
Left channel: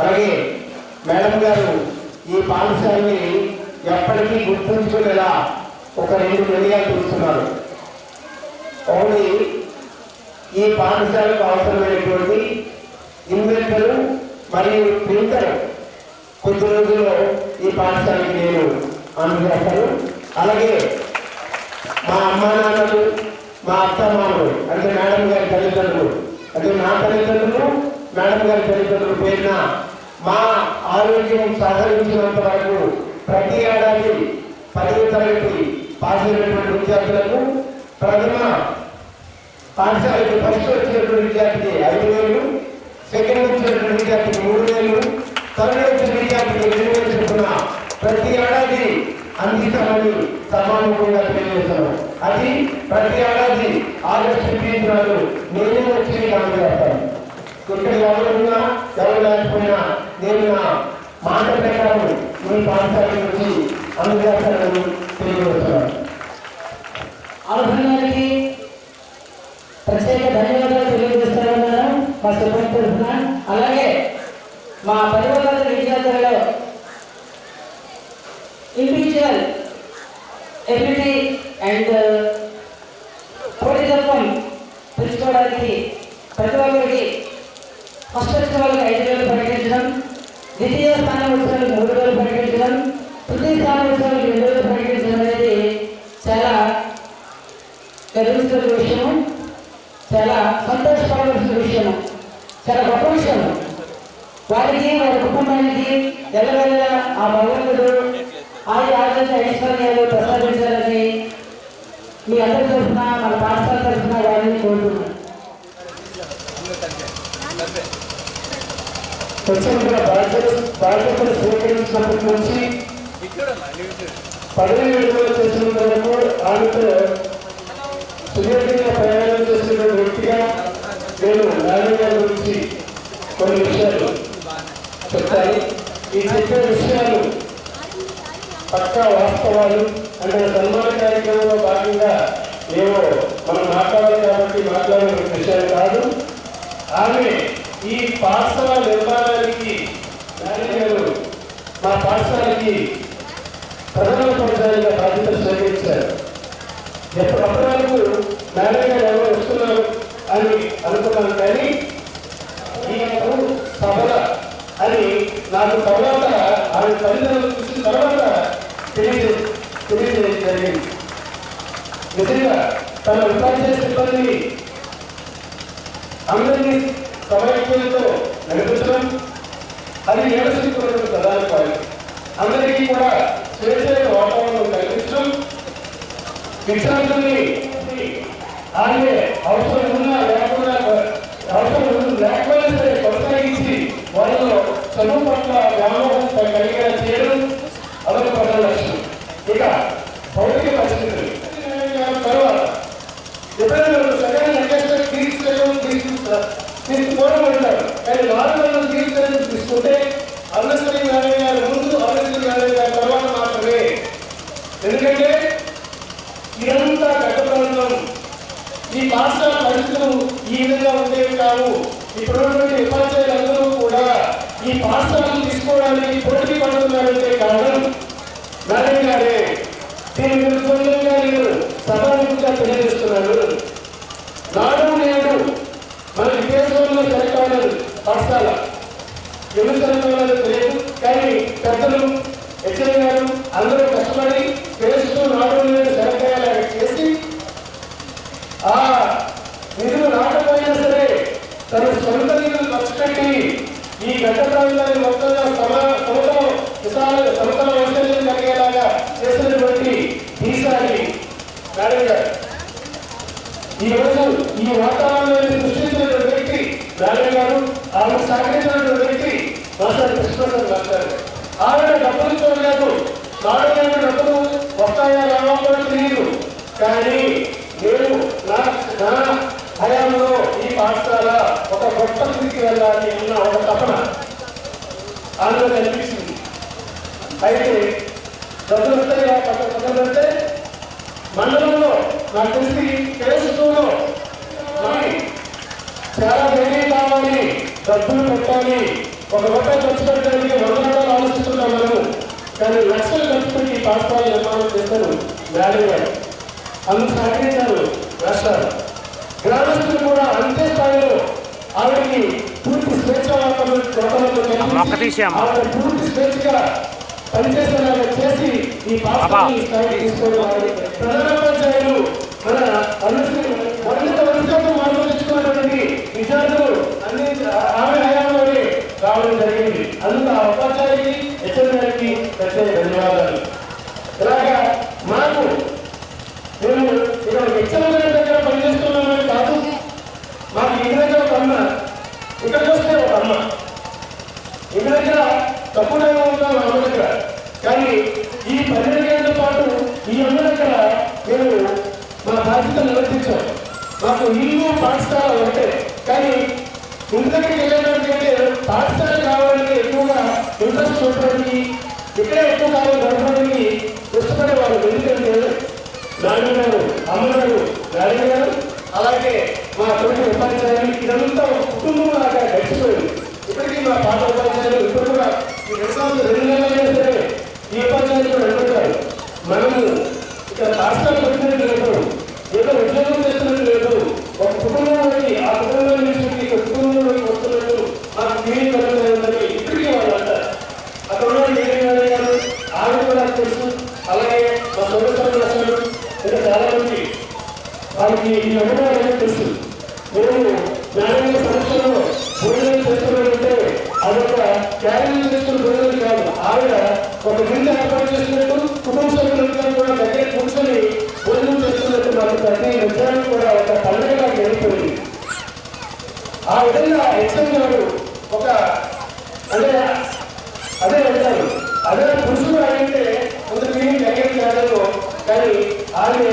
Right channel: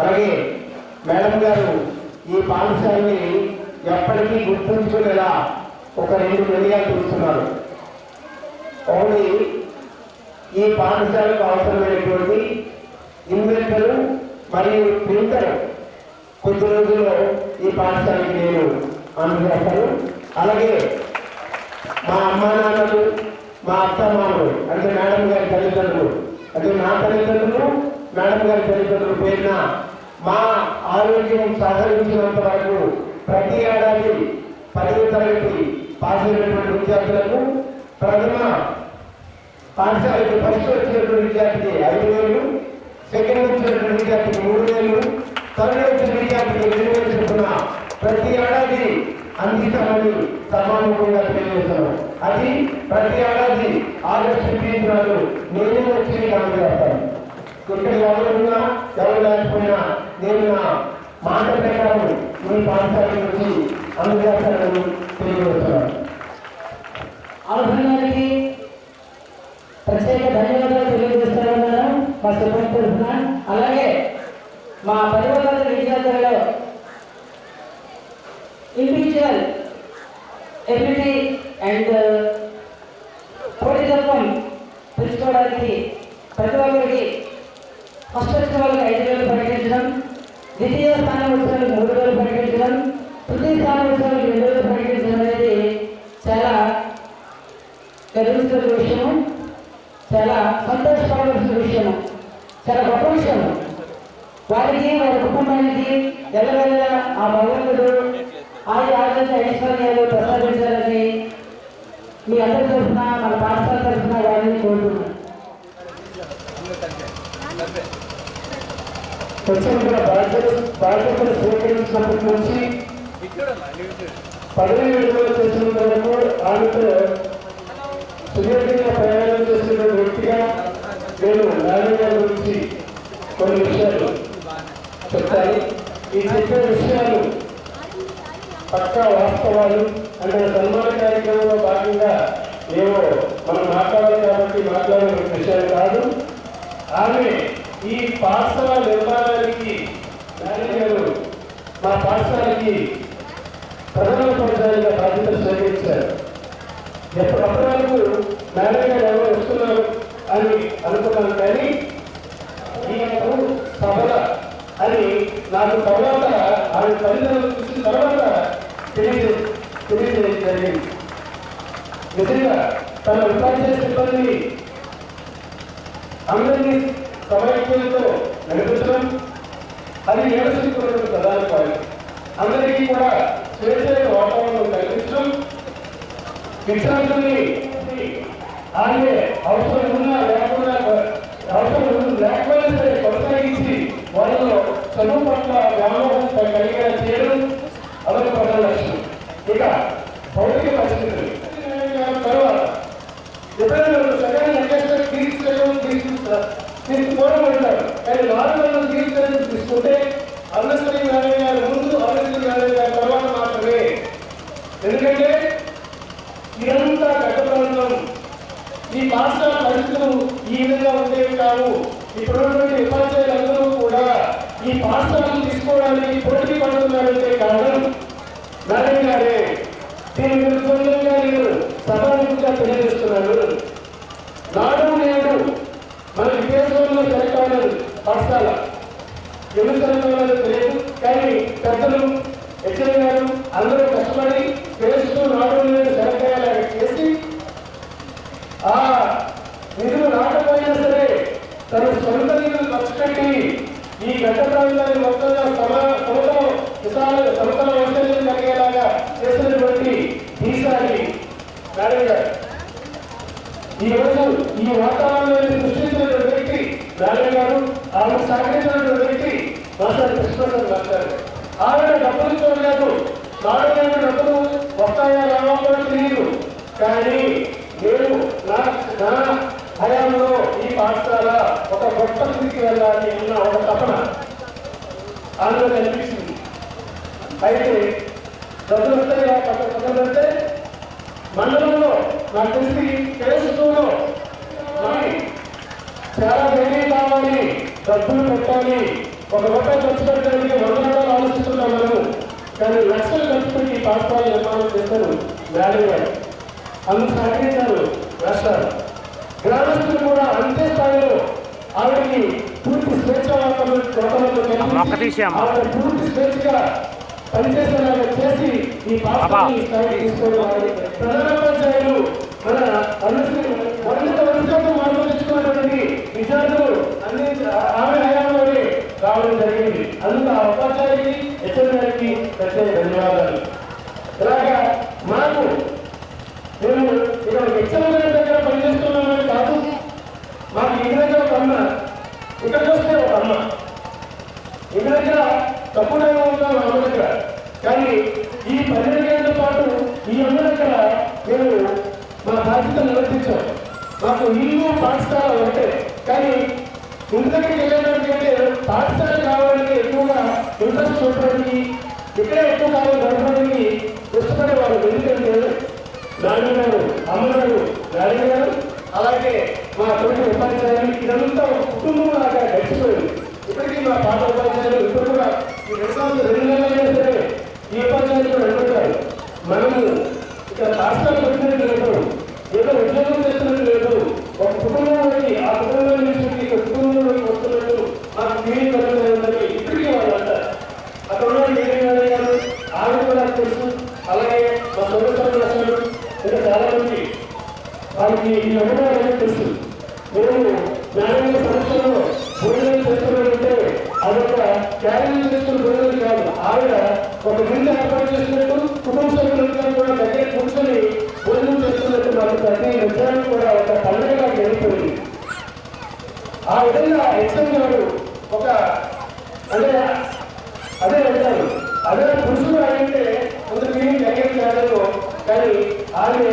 అలాగే మేడం గారు ఈ పాఠశాలని ఎప్పటికీ గుర్తుంచుకునేలా ఒక 2 నిర్ణయాలు తీసుకున్నారు. ఒకటి, ఈ పాఠశాలకు అవసరమైనటువంటి ఇన్వెంటర్ మరియు ప్రింటర్ కొద్ది రోజుల్లో ఈ పాఠశాలకి నేను అందజేస్తాను. అలాగే మా అమ్మా నాన్నలు, మా అత్త మామలు అంటే మేడం గారి తల్లిదండ్రులు, అంటే నా తల్లిదండ్రులు, మేడం గారి తల్లిదండ్రులు పేరున మా ఆరోగ్యం సహకరించినంత వరకు ప్రతి ఏడాది 10వ తరగతి పాస్ అయినటువంటి విద్యార్థులకు ప్రథమ పాఠశాలకు ఫస్ట్ వచ్చినటువంటి విద్యార్థికి 5,000, సెకండ్ వచ్చినటువంటి విద్యార్థికి 3,000, థర్డ్ వచ్చిన విద్యార్థికి 2,000 చొప్పున ప్రతి ఏడాది అందిస్తామని సమానంగా తెలియజేస్తున్నాం. అది ప్రతి ఏడాది ఆగస్టు 15 నాడు నేనే వచ్చి అమలు చేస్తాను. ఇక్కడ ఎవరున్నా ఎవరు లేకపోయినా నేను నా మాట ప్రకారం మీ పాఠశాల నుంచి అమలు చేస్తానని తెలియజేస్తున్నాను. అవసరానికి ప్రత్యేక ధన్యవాదాలు తెలియజేస్తున్నాను మా సిబ్బంది తరఫున. అలాగే మా 10,000 విద్యార్థులలో ఇండివిజువల్ ఎబిలిటీ అండ్ పోటీతత్వం తెలుసుకోవడానికి ప్రతి ఒక్కరికి ఫస్ట్ వచ్చిన వాళ్ళకి 5,000 ప్రకటించడం, ద్వితీయ స్థానం వచ్చిన వాళ్ళకి 3,000 ప్రకటించడం, తృతీయ స్థానం వచ్చిన వాళ్ళకి 2,000 ప్రకటించడం అనేది చాలా గర్వించిన విషయము, చాలా సంతోషపడవలసిన విషయము, చాలా గొప్ప విషయం. వారికి వారి కుటుంబానికి ఎల్లవెల్ల ఆ భగవంతుడు ఆరోగ్య ఐశ్వర్యాలు ప్రసాదించాలని మీ అందరి తరఫున మన పాఠశాల తరఫున వారిని కోరుతున్నాను. బాధ్యతలు స్వీకరించినప్పటి నుంచి పదవి విడుదల చేసినంత వరకు ఆమెతో సుదీర్ఘంగా ప్రయాణం చేసిన వ్యక్తిగా నేను నారాయణ గారి గురించి కొన్ని విషయాలు చెప్తాను. ఈ చెప్పే విషయాలు పక్కా వాస్తవాలు. అంటే సన్మాన కార్యక్రమంలో భాగంగా ఏవో మనం మాట్లాడాలి కాబట్టి మాట్లాడే విషయాలు కాదు. ఆమె ఈ పాఠశాల నిర్మాణానికి నారాయణ మా పాఠశాలకి ప్రధాన ఉపాధ్యాయులుగా బాధ్యతలు స్వీకరించారు. ఎప్పటి వరకు నారాయణ గారు ఎవరు వస్తున్నారు అని అనుకున్నాను, కానీ ఈయనకు సభల అని నాకు తర్వాత ఆమె తల్లిదండ్రులు చూసిన తర్వాత తెలియజేయడం జరిగింది. నిజంగా తన ఉపాధ్యాయ సిబ్బంది అందరినీ సమైక్యంతో నడిపించడం అది నేర్చుకున్నటువంటి ప్రధాన పాయింట్. అందరికీ కూడా స్వేచ్ఛమైన వాతావరణం కల్పించడం, విద్యార్థుల్ని ఆమె అవసరం ఉన్నా లేకపోయినా సరే కొనసాగించి వాళ్ళలో చదువు పట్ల వ్యామోహం కలిగేలా చేయడం అదొక ప్రధాన లక్ష్యం. ఇక భౌతిక పరిస్థితులు తర్వాత ఎప్పుడైనా సరైన అడ్జస్ట్మెంట్ దీనికి పూర్వం ఉంటారు, కానీ 400 తీర్చడం తీసుకుంటే అన్నశ్రీ నారాయణ గారి ముందు, అన్నశ్రీ నారాయణ గారి తర్వాత మాత్రమే. ఎందుకంటే ఇదంతా గత ఈ పాఠశాల పరిస్థితులు ఈ విధంగా ఉండేవి కావు. ఇప్పుడున్నటువంటి ఉపాధ్యాయులందరూ కూడా ఈ పాఠశాలను తీసుకోవడానికి పోటీ పడుతున్నారంటే కారణం నారాయణ గారే. దీని విరుద్ధంగా నేను సభాముఖంగా తెలియజేస్తున్నాను. నాడు నేడు మన విదేశంలో సెలెక్ట్ అవ్వలేదు పాఠశాల, ఎందుకు సెలెక్ట్ అవ్వలేదు తెలియదు, కానీ పెద్దలు హెచ్ఎం గారు అందరూ కష్టపడి పేరుస్తూ నాడు నేడు సెలెక్ట్ అయ్యేలాగా చేసి ఆ నిధులు రాకపోయినా సరే తన సొంత నిధులు ఖర్చు పెట్టి ఈ గడ్డ ప్రాంతాన్ని మొత్తంగా సమతల వైశాల్యం కలిగేలాగా చేసినటువంటి ఈసారి నారాయణ గారు. ఈరోజు ఈ వాతావరణాన్ని సృష్టించినటువంటి వ్యక్తి నారాయణ గారు. ఆమె సహకరించినటువంటి వ్యక్తి మాస్టర్ కృష్ణప్రసాద్ మాస్టర్. ఆవిడ డబ్బులు చూడలేదు, నారాయణ డబ్బులు వస్తాయా రావా కూడా తెలియదు, కానీ నేను నా హయాంలో ఈ పాఠశాల ఒక గొప్ప స్థితికి వెళ్ళాలి అన్న ఒక తపన ఆమెలో కనిపిస్తుంది. అయితే డబ్బులు వస్తాయి పక్కన మండలంలో నాకు తెలిసి కేసులో చాలా ధైర్యం కావాలి, డబ్బులు పెట్టాలి, ఒక రూపాయి ఖర్చు పెట్టడానికి 100 ఆలోచిస్తున్నాం మనము, కానీ లక్షలు ఖర్చు పెట్టి పాఠశాల నిర్మాణం చేశారు నారాయణ గారు. అందుకు సహకరించారు రాష్ట్రాలు. గ్రామస్తులు కూడా అంతే స్థాయిలో ఆవిడకి పూర్తి స్వేచ్ఛ పూర్తి స్వేచ్ఛగా పనిచేసేలాగా చేసి ఈ పాఠశాలని స్థాయికి తీసుకోవాలి. ప్రధానోపాధ్యాయులు మన వందతో మార్పులున్నటువంటి విద్యార్థులు ఆమె హయాంలోనే రావడం జరిగింది. అందుకు ఆ ఉపాధ్యాయుడికి హెచ్ఎం గారికి ప్రత్యేక ధన్యవాదాలు. ఇలాగా మాకు నేను ఇక్కడ హెచ్ఎం ఆలోచించాం. మాకు ఇల్లు పాఠశాల ఒకటే, కానీ ఇంటి దగ్గరికి వెళ్ళేటంటే పాఠశాల కావాలని ఎక్కువగా ఇంట్రెస్ట్ చూపడానికి, ఇక్కడే ఎక్కువ కాలం గడపడానికి ఇష్టపడేవాళ్ళు. ఎందుకంటే నాన్నగారు, అమ్మగారు, నాన్నగారు, అలాగే మా తోటి ఉపాధ్యాయులు, ఇదంతా ఒక కుటుంబం లాగా గడిచిపోయింది. ఇప్పటికీ మా పాత ఉపాధ్యాయులు ఇప్పుడు కూడా ఈ 2 సంవత్సరాలు 2 నెలలైనా సరే ఈ ఉపాధ్యాయులు కూడా అడుగుతారు. మనము ఇక్కడ పాఠశాల పెట్టినట్టు లేదు, ఏదో ఉద్యోగం చేస్తున్నట్టు లేదు, ఒక కుటుంబంలోకి ఆ కుటుంబం నుంచి ఒక కుటుంబంలోకి వస్తున్నట్టు మాకు ఫీలింగ్ కలుగుతుందని ఇప్పటికీ వాళ్ళు అంటారు. అక్కడ ఉన్న ఏరియా గారు ఆవిడ కూడా తెలుసు, అలాగే మా సోదరులు అసలు ఇంకా చాలా మంది వాళ్ళకి ఈ అనుభవాలు తెలుసు. మేము న్యాయమైన సమస్యలో భోజనం చేస్తున్నారంటే అదొక క్యారీలు చేస్తున్న భోజనం కాదు, ఆవిడ ఒక విందు ఏర్పాటు చేస్తున్నట్టు కుటుంబ సభ్యులందరూ కూడా దగ్గర కూర్చొని భోజనం చేస్తున్నట్టు మాకు ప్రతి నిజానికి కూడా ఒక పండుగగా జరిగిపోయింది. ఆ విధంగా ఎక్సెల్ గారు ఒక అంటే అదే అంటారు, అదే పురుషుడు అయితే కొంత ఫీలింగ్ కలిగేది కాదు, కానీ ఆమె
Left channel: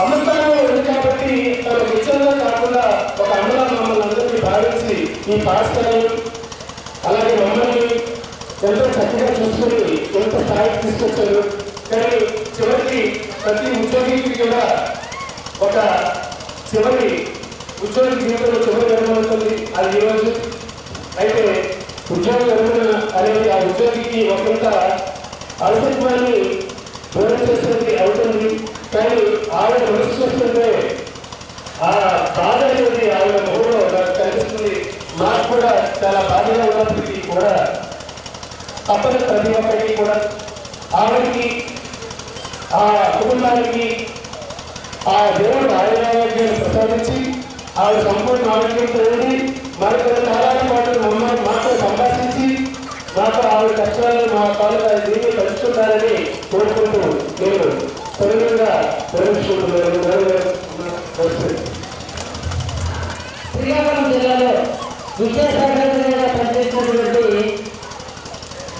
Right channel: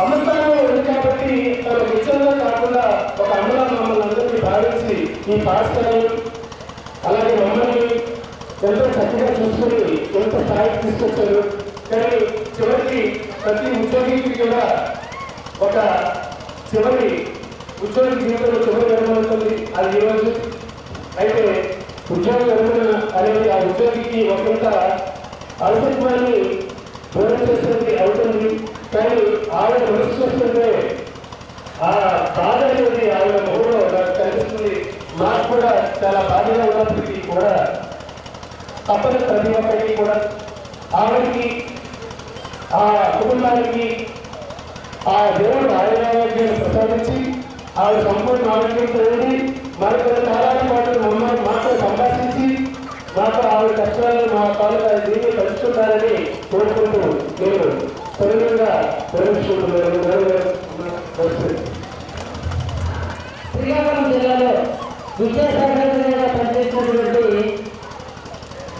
అమృతంలో ఉంది కాబట్టి తన నిజంగా కాకుండా ఒక అమ్మలా మమ్మల్ని అందరినీ భావించి ఈ పాఠశాలను అలాగే మమ్మల్ని ఎంతో చక్కగా చూసుకుని ఎంత స్థాయికి తీసుకొచ్చారు. కానీ చివరికి ప్రతి ఉద్యోగికి కూడా ఒక చివరి ఉద్యోగి జీవితంలో చివరి జరగబడుతుంది. అది ఈరోజు అయితే ఉద్యోగ విరమణ అనేది ఆ ఉద్యోగికి ఒకంత అలసత్వాన్ని దూరం చేసేది అవుతుంది. కానీ ఆవిడ మనసు చూస్తుంటే ఆ బాధ అనేది ఆవిడ ముఖంలో నాకు కనిపిస్తుంది. నాకు కూడా చాలా బాధగా ఉన్నప్పటికీ కూడా తప్పని ప్రతి ఒక్కరికి కూడా ఆవిడకి ఆ కుటుంబానికి ఆ దేవుడు ఆరోగ్యాన్ని ప్రసాదించి ఆవిడ సంపూర్ణ ఆరోగ్యంతో ఉండి మనకు 2 కాలాల పాటు మమ్మల్ని మాతో సంభాషించి మాతో ఆవిడ కష్టాలను మా తాలూకా దీన్ని పంచుకుంటారని కోరుకుంటూ నేను తొలిగా ప్రవేశిస్తున్నాను. శ్రీకాకుళం జిల్లాలో విద్యాశాఖగా పనిచేసినటువంటి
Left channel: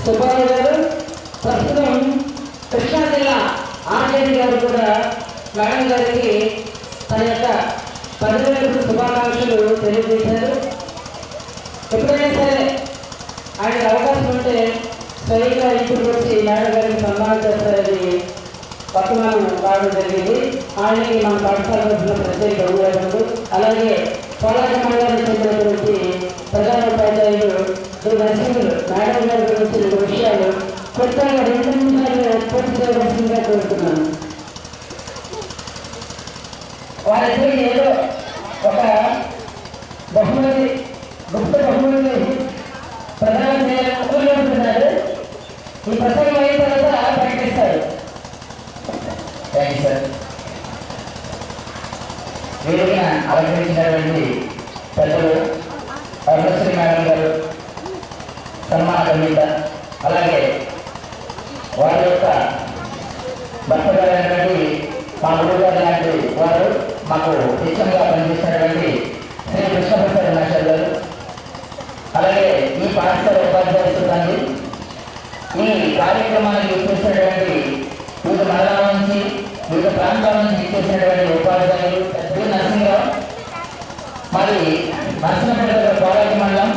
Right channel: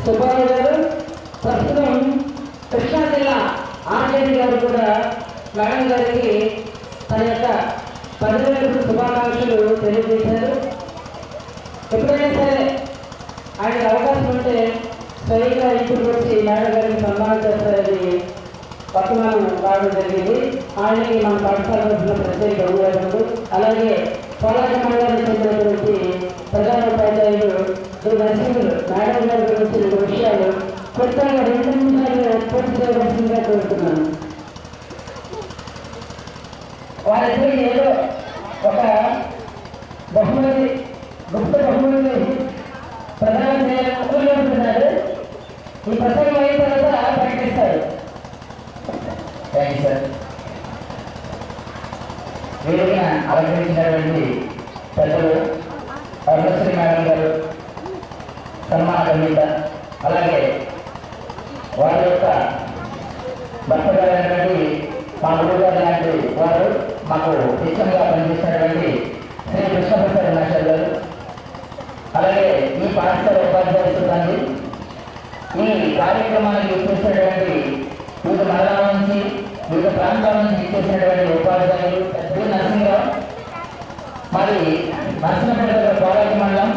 సుబ్బారావు గారు ప్రస్తుతం కృష్ణా జిల్లా ఆర్జేడీ గారు కూడా మేడం గారికి తన యొక్క 10 రోజుల శుభాకాంక్షలు తెలియజేశారు. ఎప్పుడైనా సరే ఆయనకు అవకాశం ఉంటే స్వయంగా ఇంటికి వచ్చి మేడం గారికి సన్మానం చేస్తారని పట్టణం రావడం జరిగింది. ఆయనకి మన పాఠశాల తరఫున ప్రత్యేక ధన్యవాదాలు. అలాగే పోలాక మండలానికి చెందినటువంటి ప్రధాన ఉపాధ్యాయులు నరసింహులు మేడం గారి గురించి 2 విషయాలు కొత్తగా 2 నిమిషాలు పూర్తి చేయవలసిందిగా కోరుతున్నాను. వారిద్దరికి ఏదో ఒక బహుమతి గుప్త బహుమతి ప్రధానం చేయాలని కోరుకుంటున్నారు. ఈ ప్రసంగం అయిన తర్వాత ప్రకటిస్తారు. Thank you sir. వేదికను అలంకరించినటువంటి పెద్దలు అరుణశ్రీ మేడం గారు, సన్మాన కవిత, అలాగే వారి యొక్క భర్త గారైనటువంటి మా గురువు గారు లాంటి వారు మాకు శిక్షణగా పనిచేసినటువంటి శ్రీ కృష్ణప్రసాద్ మాస్టర్ గారు, అలాగే ఈ పాఠశాల ఉపాధ్యాయ సిబ్బంది, ఈ కార్యక్రమానికి ఇచ్చేసినటువంటి వివిధ మండలాల నుంచి వివిధ ప్రాంతాల నుంచి ఇచ్చేసినటువంటి ఉపాధ్యాయులు నరసింహరావు, మరి నరసింహపేట పోరాట మండలం,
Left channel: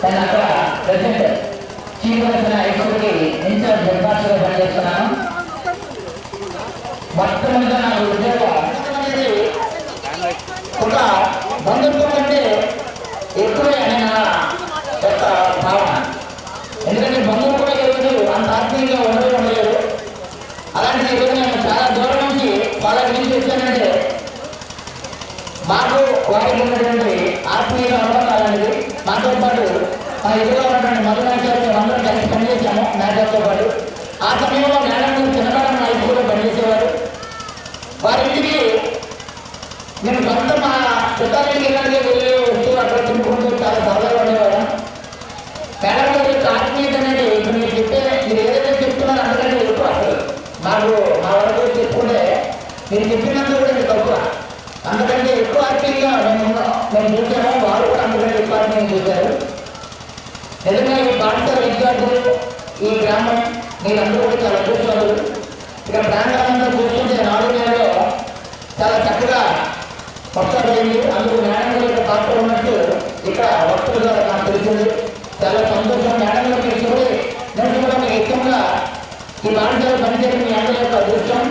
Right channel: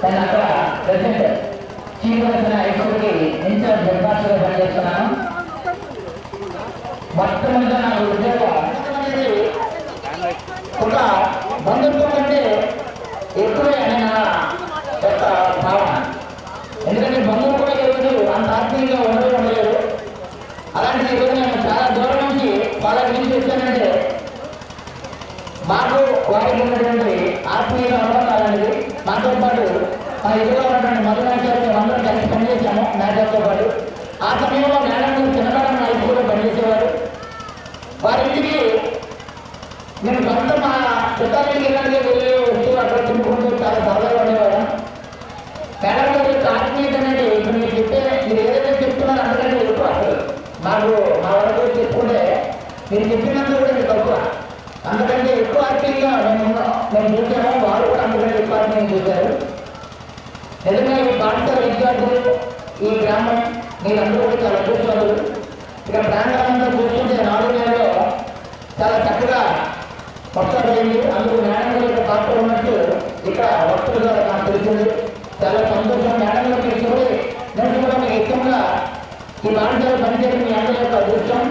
కానీ అక్కడ ప్రెసిడెంట్ చీఫ్ హైస్కూల్కి ఇన్ఛార్జ్ హెడ్మాస్టర్గా పనిచేస్తున్నాను. మొట్టమొదటిగా నాకు ఉద్యోగం ఒక బంధుత్వం కంటే ఎక్కువే అని నా యొక్క భావన. ఎందుకంటే బంధువులు కూడా ఎవరు అంత ఆత్మీయంగా ఉండలేదు. అలాంటి ఈరోజు నేను చాలా దూరం నుంచి వాళ్ళకి నుంచి వచ్చానంటే మాకు వారికి ఉన్నటువంటి ఆత్మీయ అనుబంధాలు అనేది మాతో పాటు మా ఎదురుగా ఉన్నటువంటి మధునాచార్య మేము అందరం కలిసి పనిచేశాము మేడంతో పాటు. ఆ సమయంలో మేడం చిన్నకాలం నా ఇంట్లో పనిచేసేవారు. వారి ఇంటికి నేను సొంత మా చుట్టాలకి వెళ్ళి వస్తూ అక్కడ తింటుకుంటూ చాలా సరదాగా ఉండేవాడు. మేడం గారి యొక్క ఆత్మీయత అనేది ఇప్పుడు మీరు చెప్తే మీరు ఏదైతే చెప్తున్నారో అందుకంటే ఎక్కువ. అసలు నాకు మా వరకు చెప్పుకుంటే మీరు చెప్పినందుకు కూడా మీరు తక్కువ, అందుకంటే ఎక్కువ ఆత్మీయంగా మేము చూసాము. వారు కూడా అందుకంటే ఎక్కువ ఆత్మీయంగా చూశారు. నిజంగా ఈ పాఠశాల విద్యార్థులు, ఈ గ్రామం మీరందరూ కూడా చాలా అదృష్టవంతులు. ఇక్కడ ప్రాంతాలంతా చూస్తుంటే 4 నెలల్లో చాలా వస్తారండి. అందుకు మేడం గారి పాత్ర ఉన్నట్టు ఇక్కడ వక్తలుగా నాకు తెలిసింది. చాలా సంతోషం. మేడం గారికి ఇష్టపడి నేను కూడా మీకు ఇష్టంగా ఈ పాఠశాల పనిచేయడం మీ అందరి యొక్క అదృష్టం.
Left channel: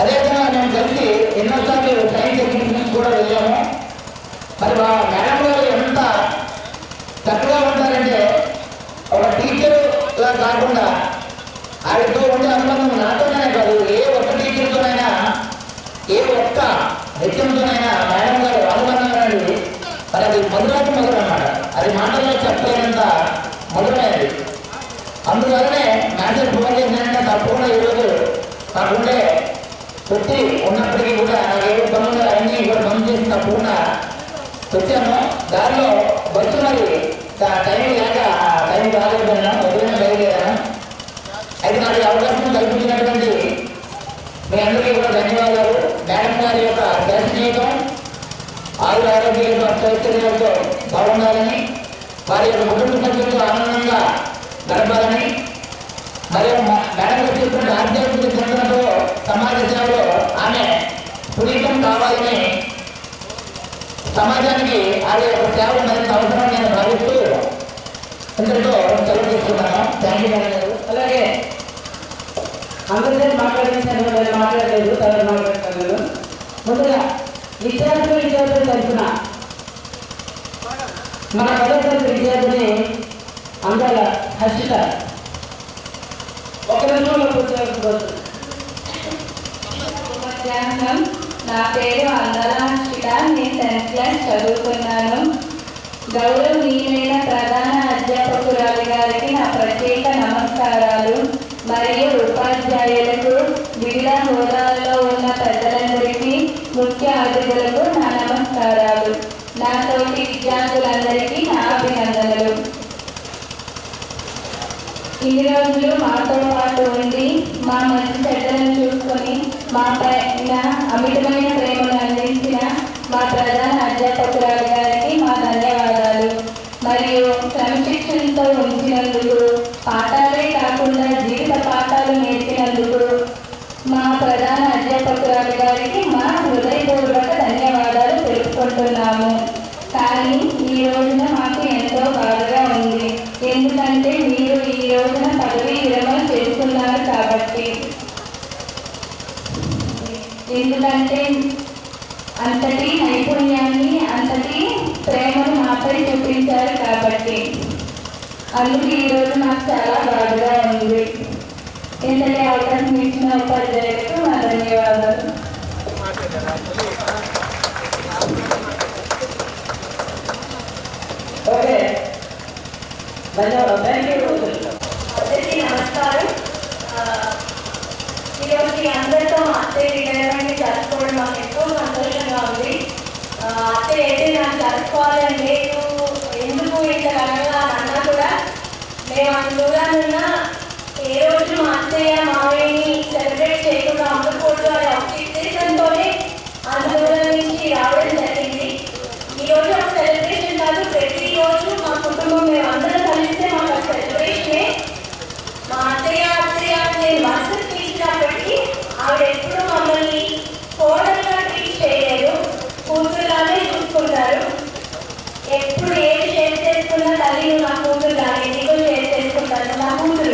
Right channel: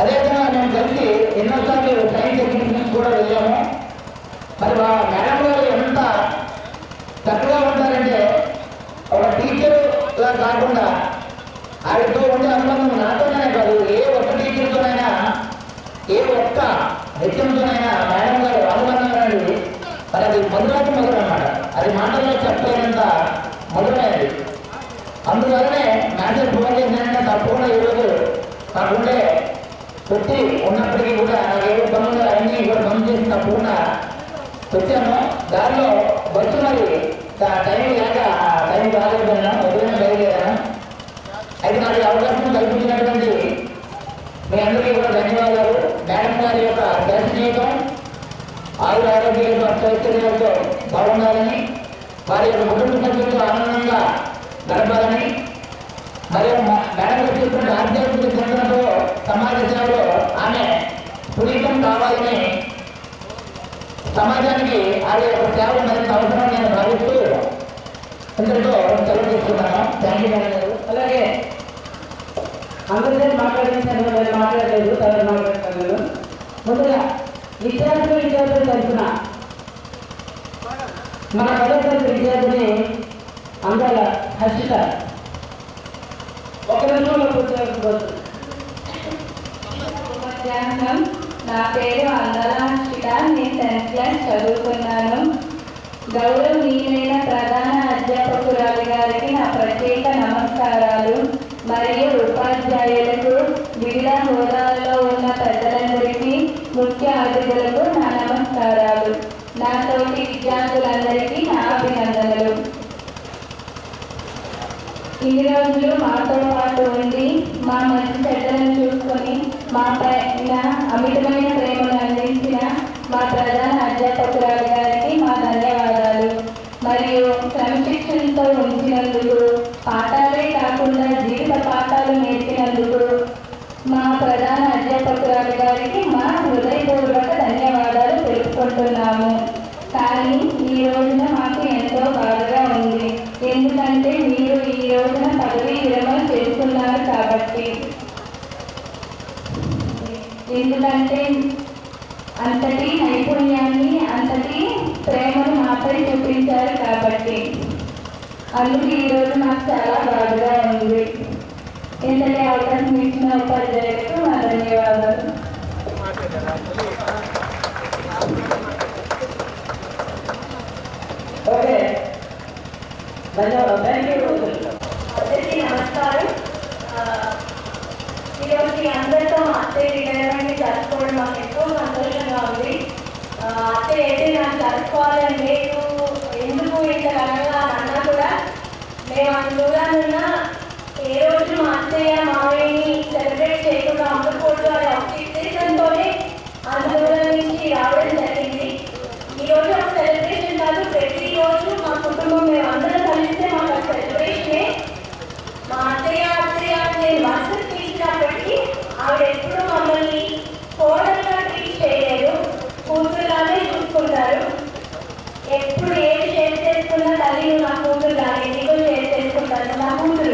అదేవిధంగా మేము కలిసి ఎన్నోసార్లు సైన్స్ ఎగ్జిబిషన్స్ కూడా వెళ్ళాము. మరి మా మేడం గారు ఎంత చక్కగా ఉంటారంటే ఒక టీచర్గా కాకుండా ఆవిడతో ఉండే అనుబంధం నాతోనే కాదు, ఏ ఒక్క టీచర్తోనైనా ఏ ఒక్క హెచ్ఎంతోనైనా మేడం గారు అనుబంధం అనేది మరి అది మధురాతి మధురం అన్నమాట. అది మాటల్లో చెప్పలేనంత మధురమైనది. అందువల్లనే మ్యాథ్స్ ఫోన్ చేసినంటే తప్పకుండా ఈరోజు నాకుండే వచ్చి ఉన్నప్పటికీ కూడా నాకు ఏదో పనులు అన్నీ కూడా పనులు చేసి తప్పకుండా వచ్చాను. దారిలో బస్సు మరి టైం లేక టైం రాలేకపోయినా ఉదయం బయలుదేరాను. అయితే నాకు అవకాశం కల్పించినటువంటి మీ అందరికీ కూడా ధన్యవాదాలు. మేడం గారి యొక్క దర్శనీయతం ఆయుర ఆరోగ్యాలతో సౌకర్యాలతో బాగుండాలని, వారి యొక్క కుటుంబ సభ్యులతో ఆనందంగా గడపాలని, మరియు మేడం గారు చెప్పిన ఆధ్యాత్మిక చింతనతో సమాజ సేవలో ఆమె పునీతం కావాలని, సమాజానికి ఆమె యొక్క సేవ మరింత అవసరం నేను భావిస్తూ ఇంతటితో సెలవు తీసుకున్నాను. థ్యాంక్ యూ మేడం గారు. అలాగే అందరితో మాట్లాడించాను, మాట్లాడలేదు, తర్వాత మాట్లాడతాను. నేను ముందుగా విద్యార్థుల తరఫున మన 10వ తరగతి విద్యార్థిని అందాల హర్షిత ఒక నిమిషంలో పూర్తి. మధ్యాహ్నం. నా పేరు అందాల హర్షిత. నేను 10th క్లాస్ చదువుతున్నాను. గౌరవనీయులైన ప్రధాన అధ్యాపకురాలు గారికి నా ప్రత్యేక నమస్కారాలు. మరియు ఉపాధ్యాయులకు, వివిధ హోదాల్లో ఉన్న పెద్దలందరికీ, ముఖ్య అతిథులకు నా నమస్కారాలు. నా తోటి విద్యార్థులందరికీ నా అభినందనలు. ఇన్ని రోజులు మాతో పాటు ఉండి మా మంచి చెడ్డలను చూసుకొని మా పైన అమితమైన ప్రేమను అందించిన మా ప్రధాన అధ్యాపకురాలు గారికి మా ధన్యవాదాలు. మరియు క్రమశిక్షణతో ఉంచినందుకు, పాఠాలే కాకుండా జీవిత పాఠాలు నేర్పినందుకు మా ప్రధాన అధ్యాపకురాలు గారికి మా హృదయపూర్వక ధన్యవాదాలు తెలుపుకుంటున్నాము. కానీ ఈ రోజున మాకు ఎంతో బాధగా ఉంది. ఎందుకంటే మీరు ఈ రోజున పదవీ విరమణ చేసుకున్నారు కాబట్టి. ఎందుకంటే అంతటి నైపుణ్యాన్ని, అంతటి ప్రేమను మాపై చూపించారు కాబట్టి. అందుకు ఈరోజు నాకు చాలా బాధగా ఉంది. ఇంతటి అవకాశం ఇచ్చిన ఉపాధ్యాయులకు నా ధన్యవాదాలు. ఓకే, ధన్యవాదాలు. Thank you. అందరికీ నమస్కారం. ఈరోజు మీ అందరితో అత్తయ్య వినయాన్ని జరుపుకోవడం మాకు ఎంతో సంతోషంగా ఉంది. అత్తయ్య అయితే నాకు జరుపుకోవాలని లేదు, ఎందుకు ఇంత ఘనంగా అన్నా కూడా మేము అంత దూరానున్న ఏ రోజు మా అత్తయ్య మావయ్యని సెలబ్రేట్ చేయకుండా ఉండకూడదు అనే ఒక ఉద్దేశంతోనే అంత దూరం నుంచి రావడం జరిగింది. ఈరోజు ఒక సెలబ్రేషన్ కాదు, ప్రతిరోజు మా కుటుంబం మేము అందరం కలిస్తే మాకు ఆ సెలబ్రేషనే. మా అత్తయ్య నేను మనసుకు తీసినప్పటికీ ఆవిడ ఎప్పుడూ మమ్మల్ని కోడలుగా ట్రీట్ చేయలేదు, కూతురులానే చూసుకుంటారు. ఎప్పుడు ఏది షేర్ చేసుకున్నా తల్లి నా కూతురు కానీ నీకు షేర్ చేసుకుంటాను, నా కూతురు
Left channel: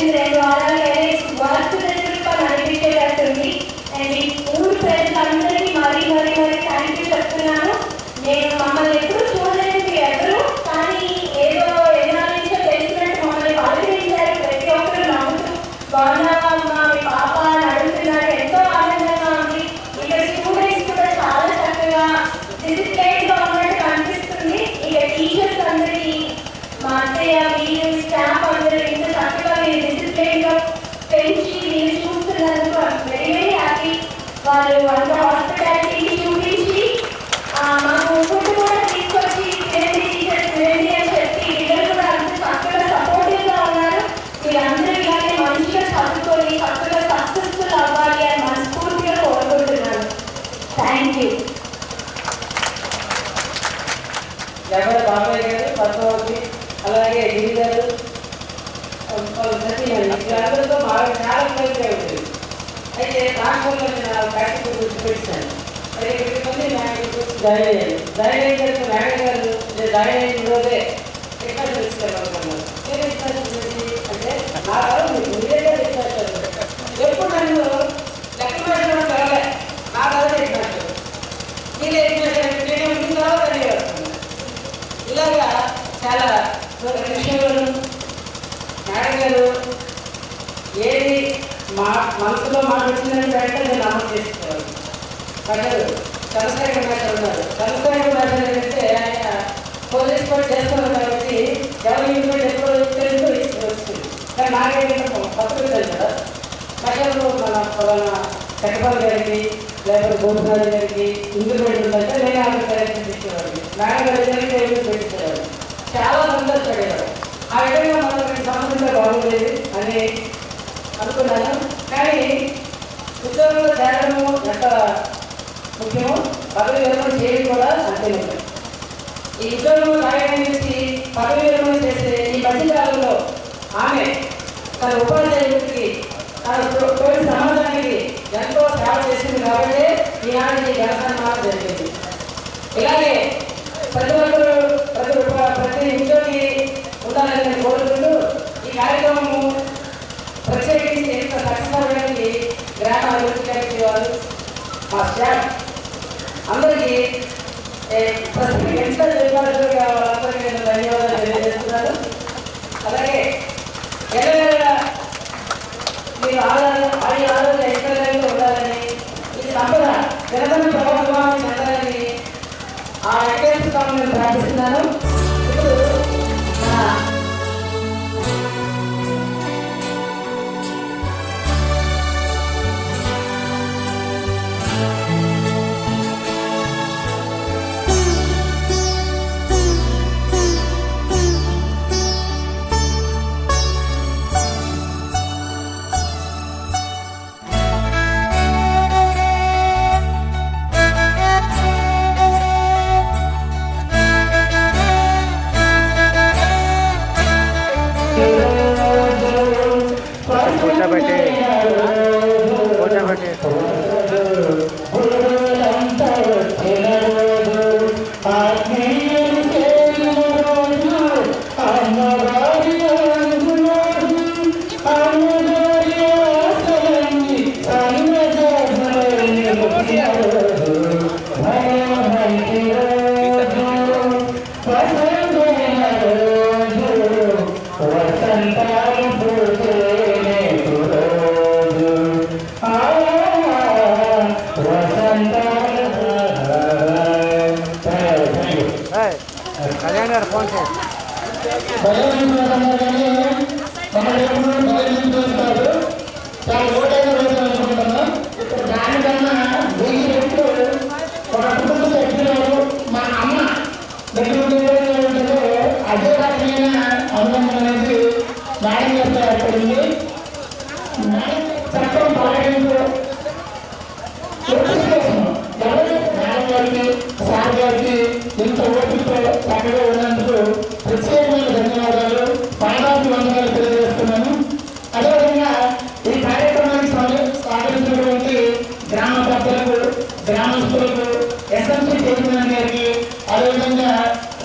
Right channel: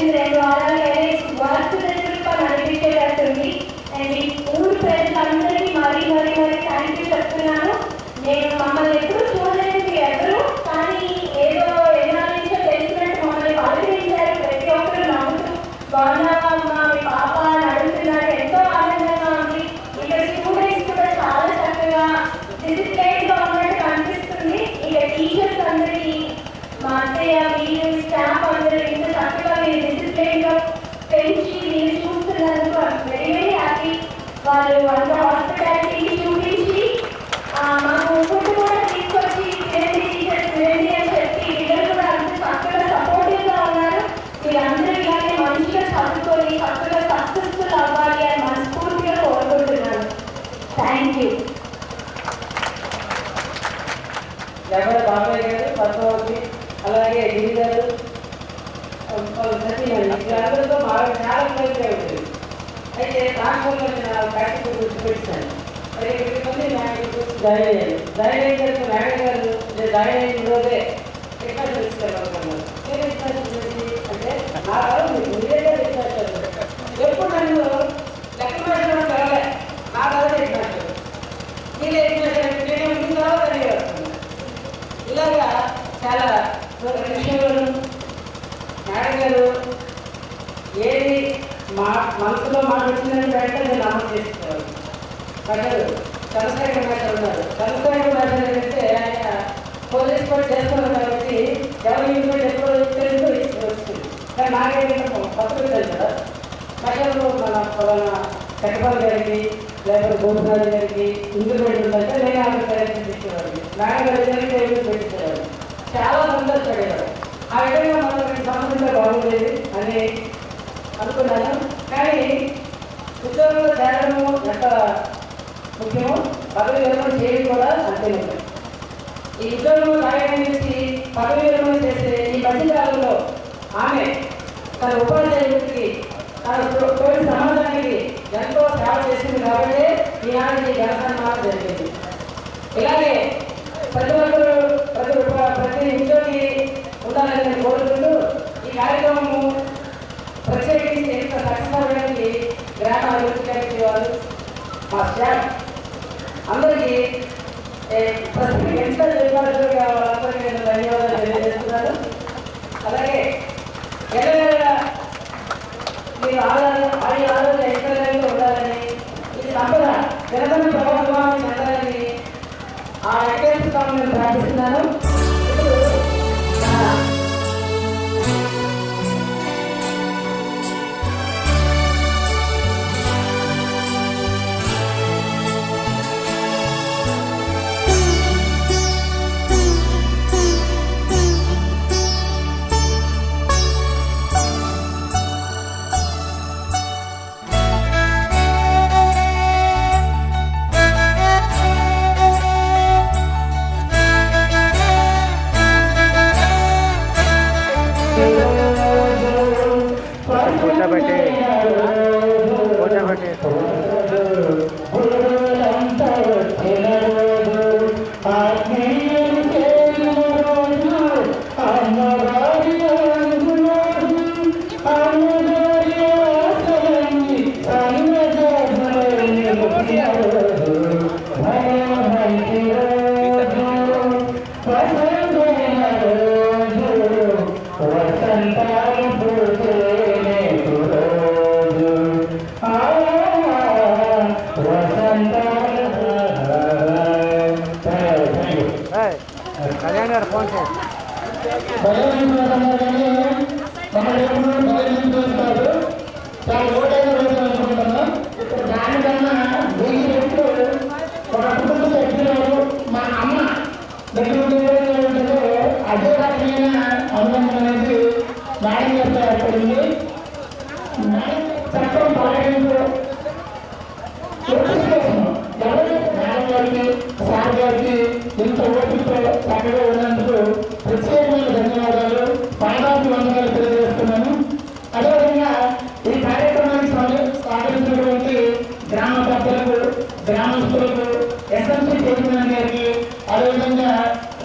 వచ్చింది 2 వారాలైనా వర్క్ దగ్గర నడిపించేటట్టుంది. అండ్ ఈ ఊరు ప్రజలందరికీ మరీ థ్యాంక్ యూ చెప్తున్నాను. నేను మమ్మల్ని ఎప్పుడు చూడలేదు ఎవరు, కానీ ఏదో ఎన్నాళ్ళ నుంచో తెలిసినట్టు మమ్మల్ని పలకరించారు. ప్రతి ఒక్కరు నవ్వుతూ బాగున్నావా అమ్మా, మీ పాప అని అడుగుతున్నారు. ఎంతో ఆనందంగా ఉంది. ఇక్కడ స్టూడెంట్స్ కూడా చాలా చక్కగా డిసిప్లైన్గా ఉన్నట్టు అనిపిస్తుంది. ఇక టీచర్స్ అందరికీ మా అత్తయ్య మీరు స్టాఫ్ అందరూ ఇంత చక్కగా మీరు డిసిప్లైన్గా పెంచి మీరు చూస్తున్నందుకు వెరీ హ్యాపీ. వాళ్ళు అంత హాస్పిటాలిటీ చూపించి మాకు ఫుడ్ కూడా తీసుకొచ్చి తినండి అని చెప్పి పిల్లలు కూడా అంత చక్కగా సపోర్టివ్గా ఉన్నారు. మీరందరూ ఇలాగే మంచిగా చదువుకొని చక్కగా సక్సెస్ఫుల్ అవ్వాలి అని మనస్ఫూర్తిగా కోరుకుంటున్నాను. Thank you. లేకపోతే బాబాయ్ గారు, పద్మావతి, అలాగే గిరి గారు, సత్యనారాయణ వీళ్ళందరితో బాగా చాలా క్లోజ్గా ఉంటుంది. అయితే ట్రాన్స్ఫర్లో ప్రాక్టికల్ గురించి పెట్టాను. అయితే 20 మంది నాయకులు జాయిన్ అయ్యారు. జాయిన్ అయిన తర్వాత మేడం గారు జాయిన్ అయిన రోజే రికార్డు తీసుకెళ్ళాలనుకున్నారు. నేను రికార్డు అంటే నా కాదు మీరేగా రికార్డు ఎప్పుడు నన్ను లెక్క పెట్టడం జరగలే. నా కాదు రికార్డు మీరే రికార్డు నేను ముందు తర్వాత తెలియజేస్తున్నాను. ఇలాగా చాలా విషయాలు మేడం గారు ఏది మా మనసులో మాట వచ్చిందని వెంటనే నేను అమలు చేసుకోవాలి. ప్రజలు చంద్రశేఖర్ మేడం ఉన్నారు. చంద్రశేఖర్ మేడం అంటే ఆయన పోలీస్ పని చేస్తున్నారు కాబట్టి ఎవరి ఇంట్లో ఎప్పుడు తెలుగు వస్తుంది. కానీ నాకేంటంటే పత్రిక తెలుసు కదా, ప్రజలు మన చక్కపల్లి గారికి లేకపోతే గోపినాథ్ గారికి ఇందులో ఉంటుందంటే నేను అక్కడ కలెక్షన్ తీసుకునేవాడిని. మేడం గారి దగ్గరికి పెట్టించేవాడిని. చాలా సంతోషపడేవాడు. ఆ విధంగా మనకు సంబంధంగా బాగుండేది అని అనుకున్నాను. కానీ ఉద్యోగంలో చేరడము ఎంత ముఖ్యమో పదవి విరమణ చేయడం కూడా అంతే ముఖ్యం. ఈ ఉద్యోగంలో సాయం చేసి పదవి విరమణ చేసే ఈ మధ్యకాలంలో ఆమె తన ఉపాధ్యాయుడికి తన తోటి సమాజానికి ఎంతో సేవ చేసింది కాబట్టి ఈనాటి జనసన్మానం జరిగింది. ఇలాగే ప్రతి ఒక్కరు ప్రతి ఉద్యోగి ఉండాలని నేను కోరుకుంటూ ఈ కార్యక్రమము ప్రత్యేకించి ఎంత సక్సెస్ అవ్వడానికి గ్రామ అభివృద్ధి కమిటీ వారు మా స్టాఫ్ అందరికీ ప్రస్తుతం ఎంత నిర్వాహకులుగా వాళ్ళందరికీ నేను ధన్యవాదాలు తెలియజేస్తున్నాను. అలాగే ఎల్లవేళ మీరు ఆరోగ్య ఐశ్వర్యంగా ఉండాలని, ఈ సంపద జనధన ప్రభుత్వాన్ని చెందాలని ఆ వెంకటేశ్వర నేను ప్రార్థిస్తున్నాను.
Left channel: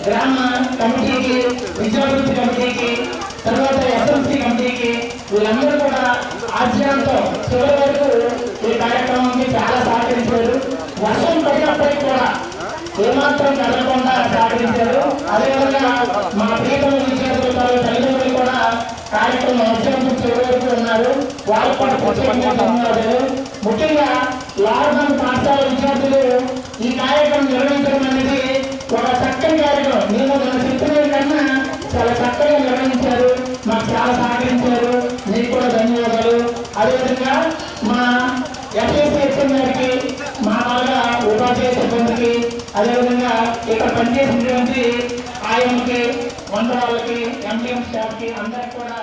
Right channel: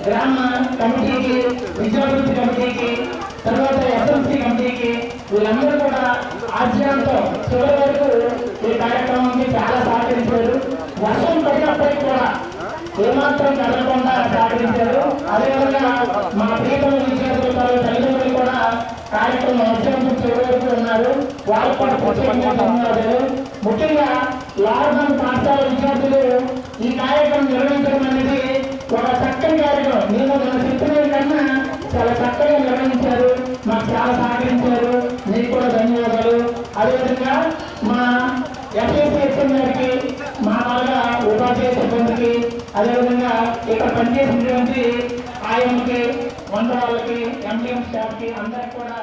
గ్రామ కమిటీకి, విద్యాభివృద్ధి కమిటీకి, తర్వాత ఎస్ఎంసీ కమిటీకి వీళ్ళందరూ ఆజ్ఞాంతం చివరి వరకు ఈ కార్యక్రమానికి చాలా సహకరించారు. వర్షం పడినప్పటికీ కూడా ఏమాత్రం కదలకుండా సహకరించారు. అదేవిధంగా మా ప్రియతమ విద్యార్థుల తల్లిదండ్రులు కూడా కార్యక్రమం అత్యంతం చివరి వరకు ఉన్నారు. వాళ్ళకు కూడా ప్రత్యేకంగా ధన్యవాదాలు. ముఖ్యంగా లాక్డౌన్ పాఠశాల విద్యార్థులు ఈ కార్యక్రమం నిర్వహించడం అనేది ఒక చక్కని కార్యక్రమం. నేను మన చెప్పిన కన్నా చాలా చక్కగా నిర్వహించారు. మాకు చాలా సహకరించారు. మీకు కూడా ధన్యవాదాలు. అదేవిధంగా మా ఎస్ఎస్ఎస్ఎం గారికి, మా వాళ్ళ ఉపాధ్యాయ సిబ్బందికి, అదేవిధంగా ఇక్కడ పనిచేసినటువంటి ఆయనకి, వంద వాళ్ళకి, ఎంపీఎం స్టాఫ్కి అందరికి కూడా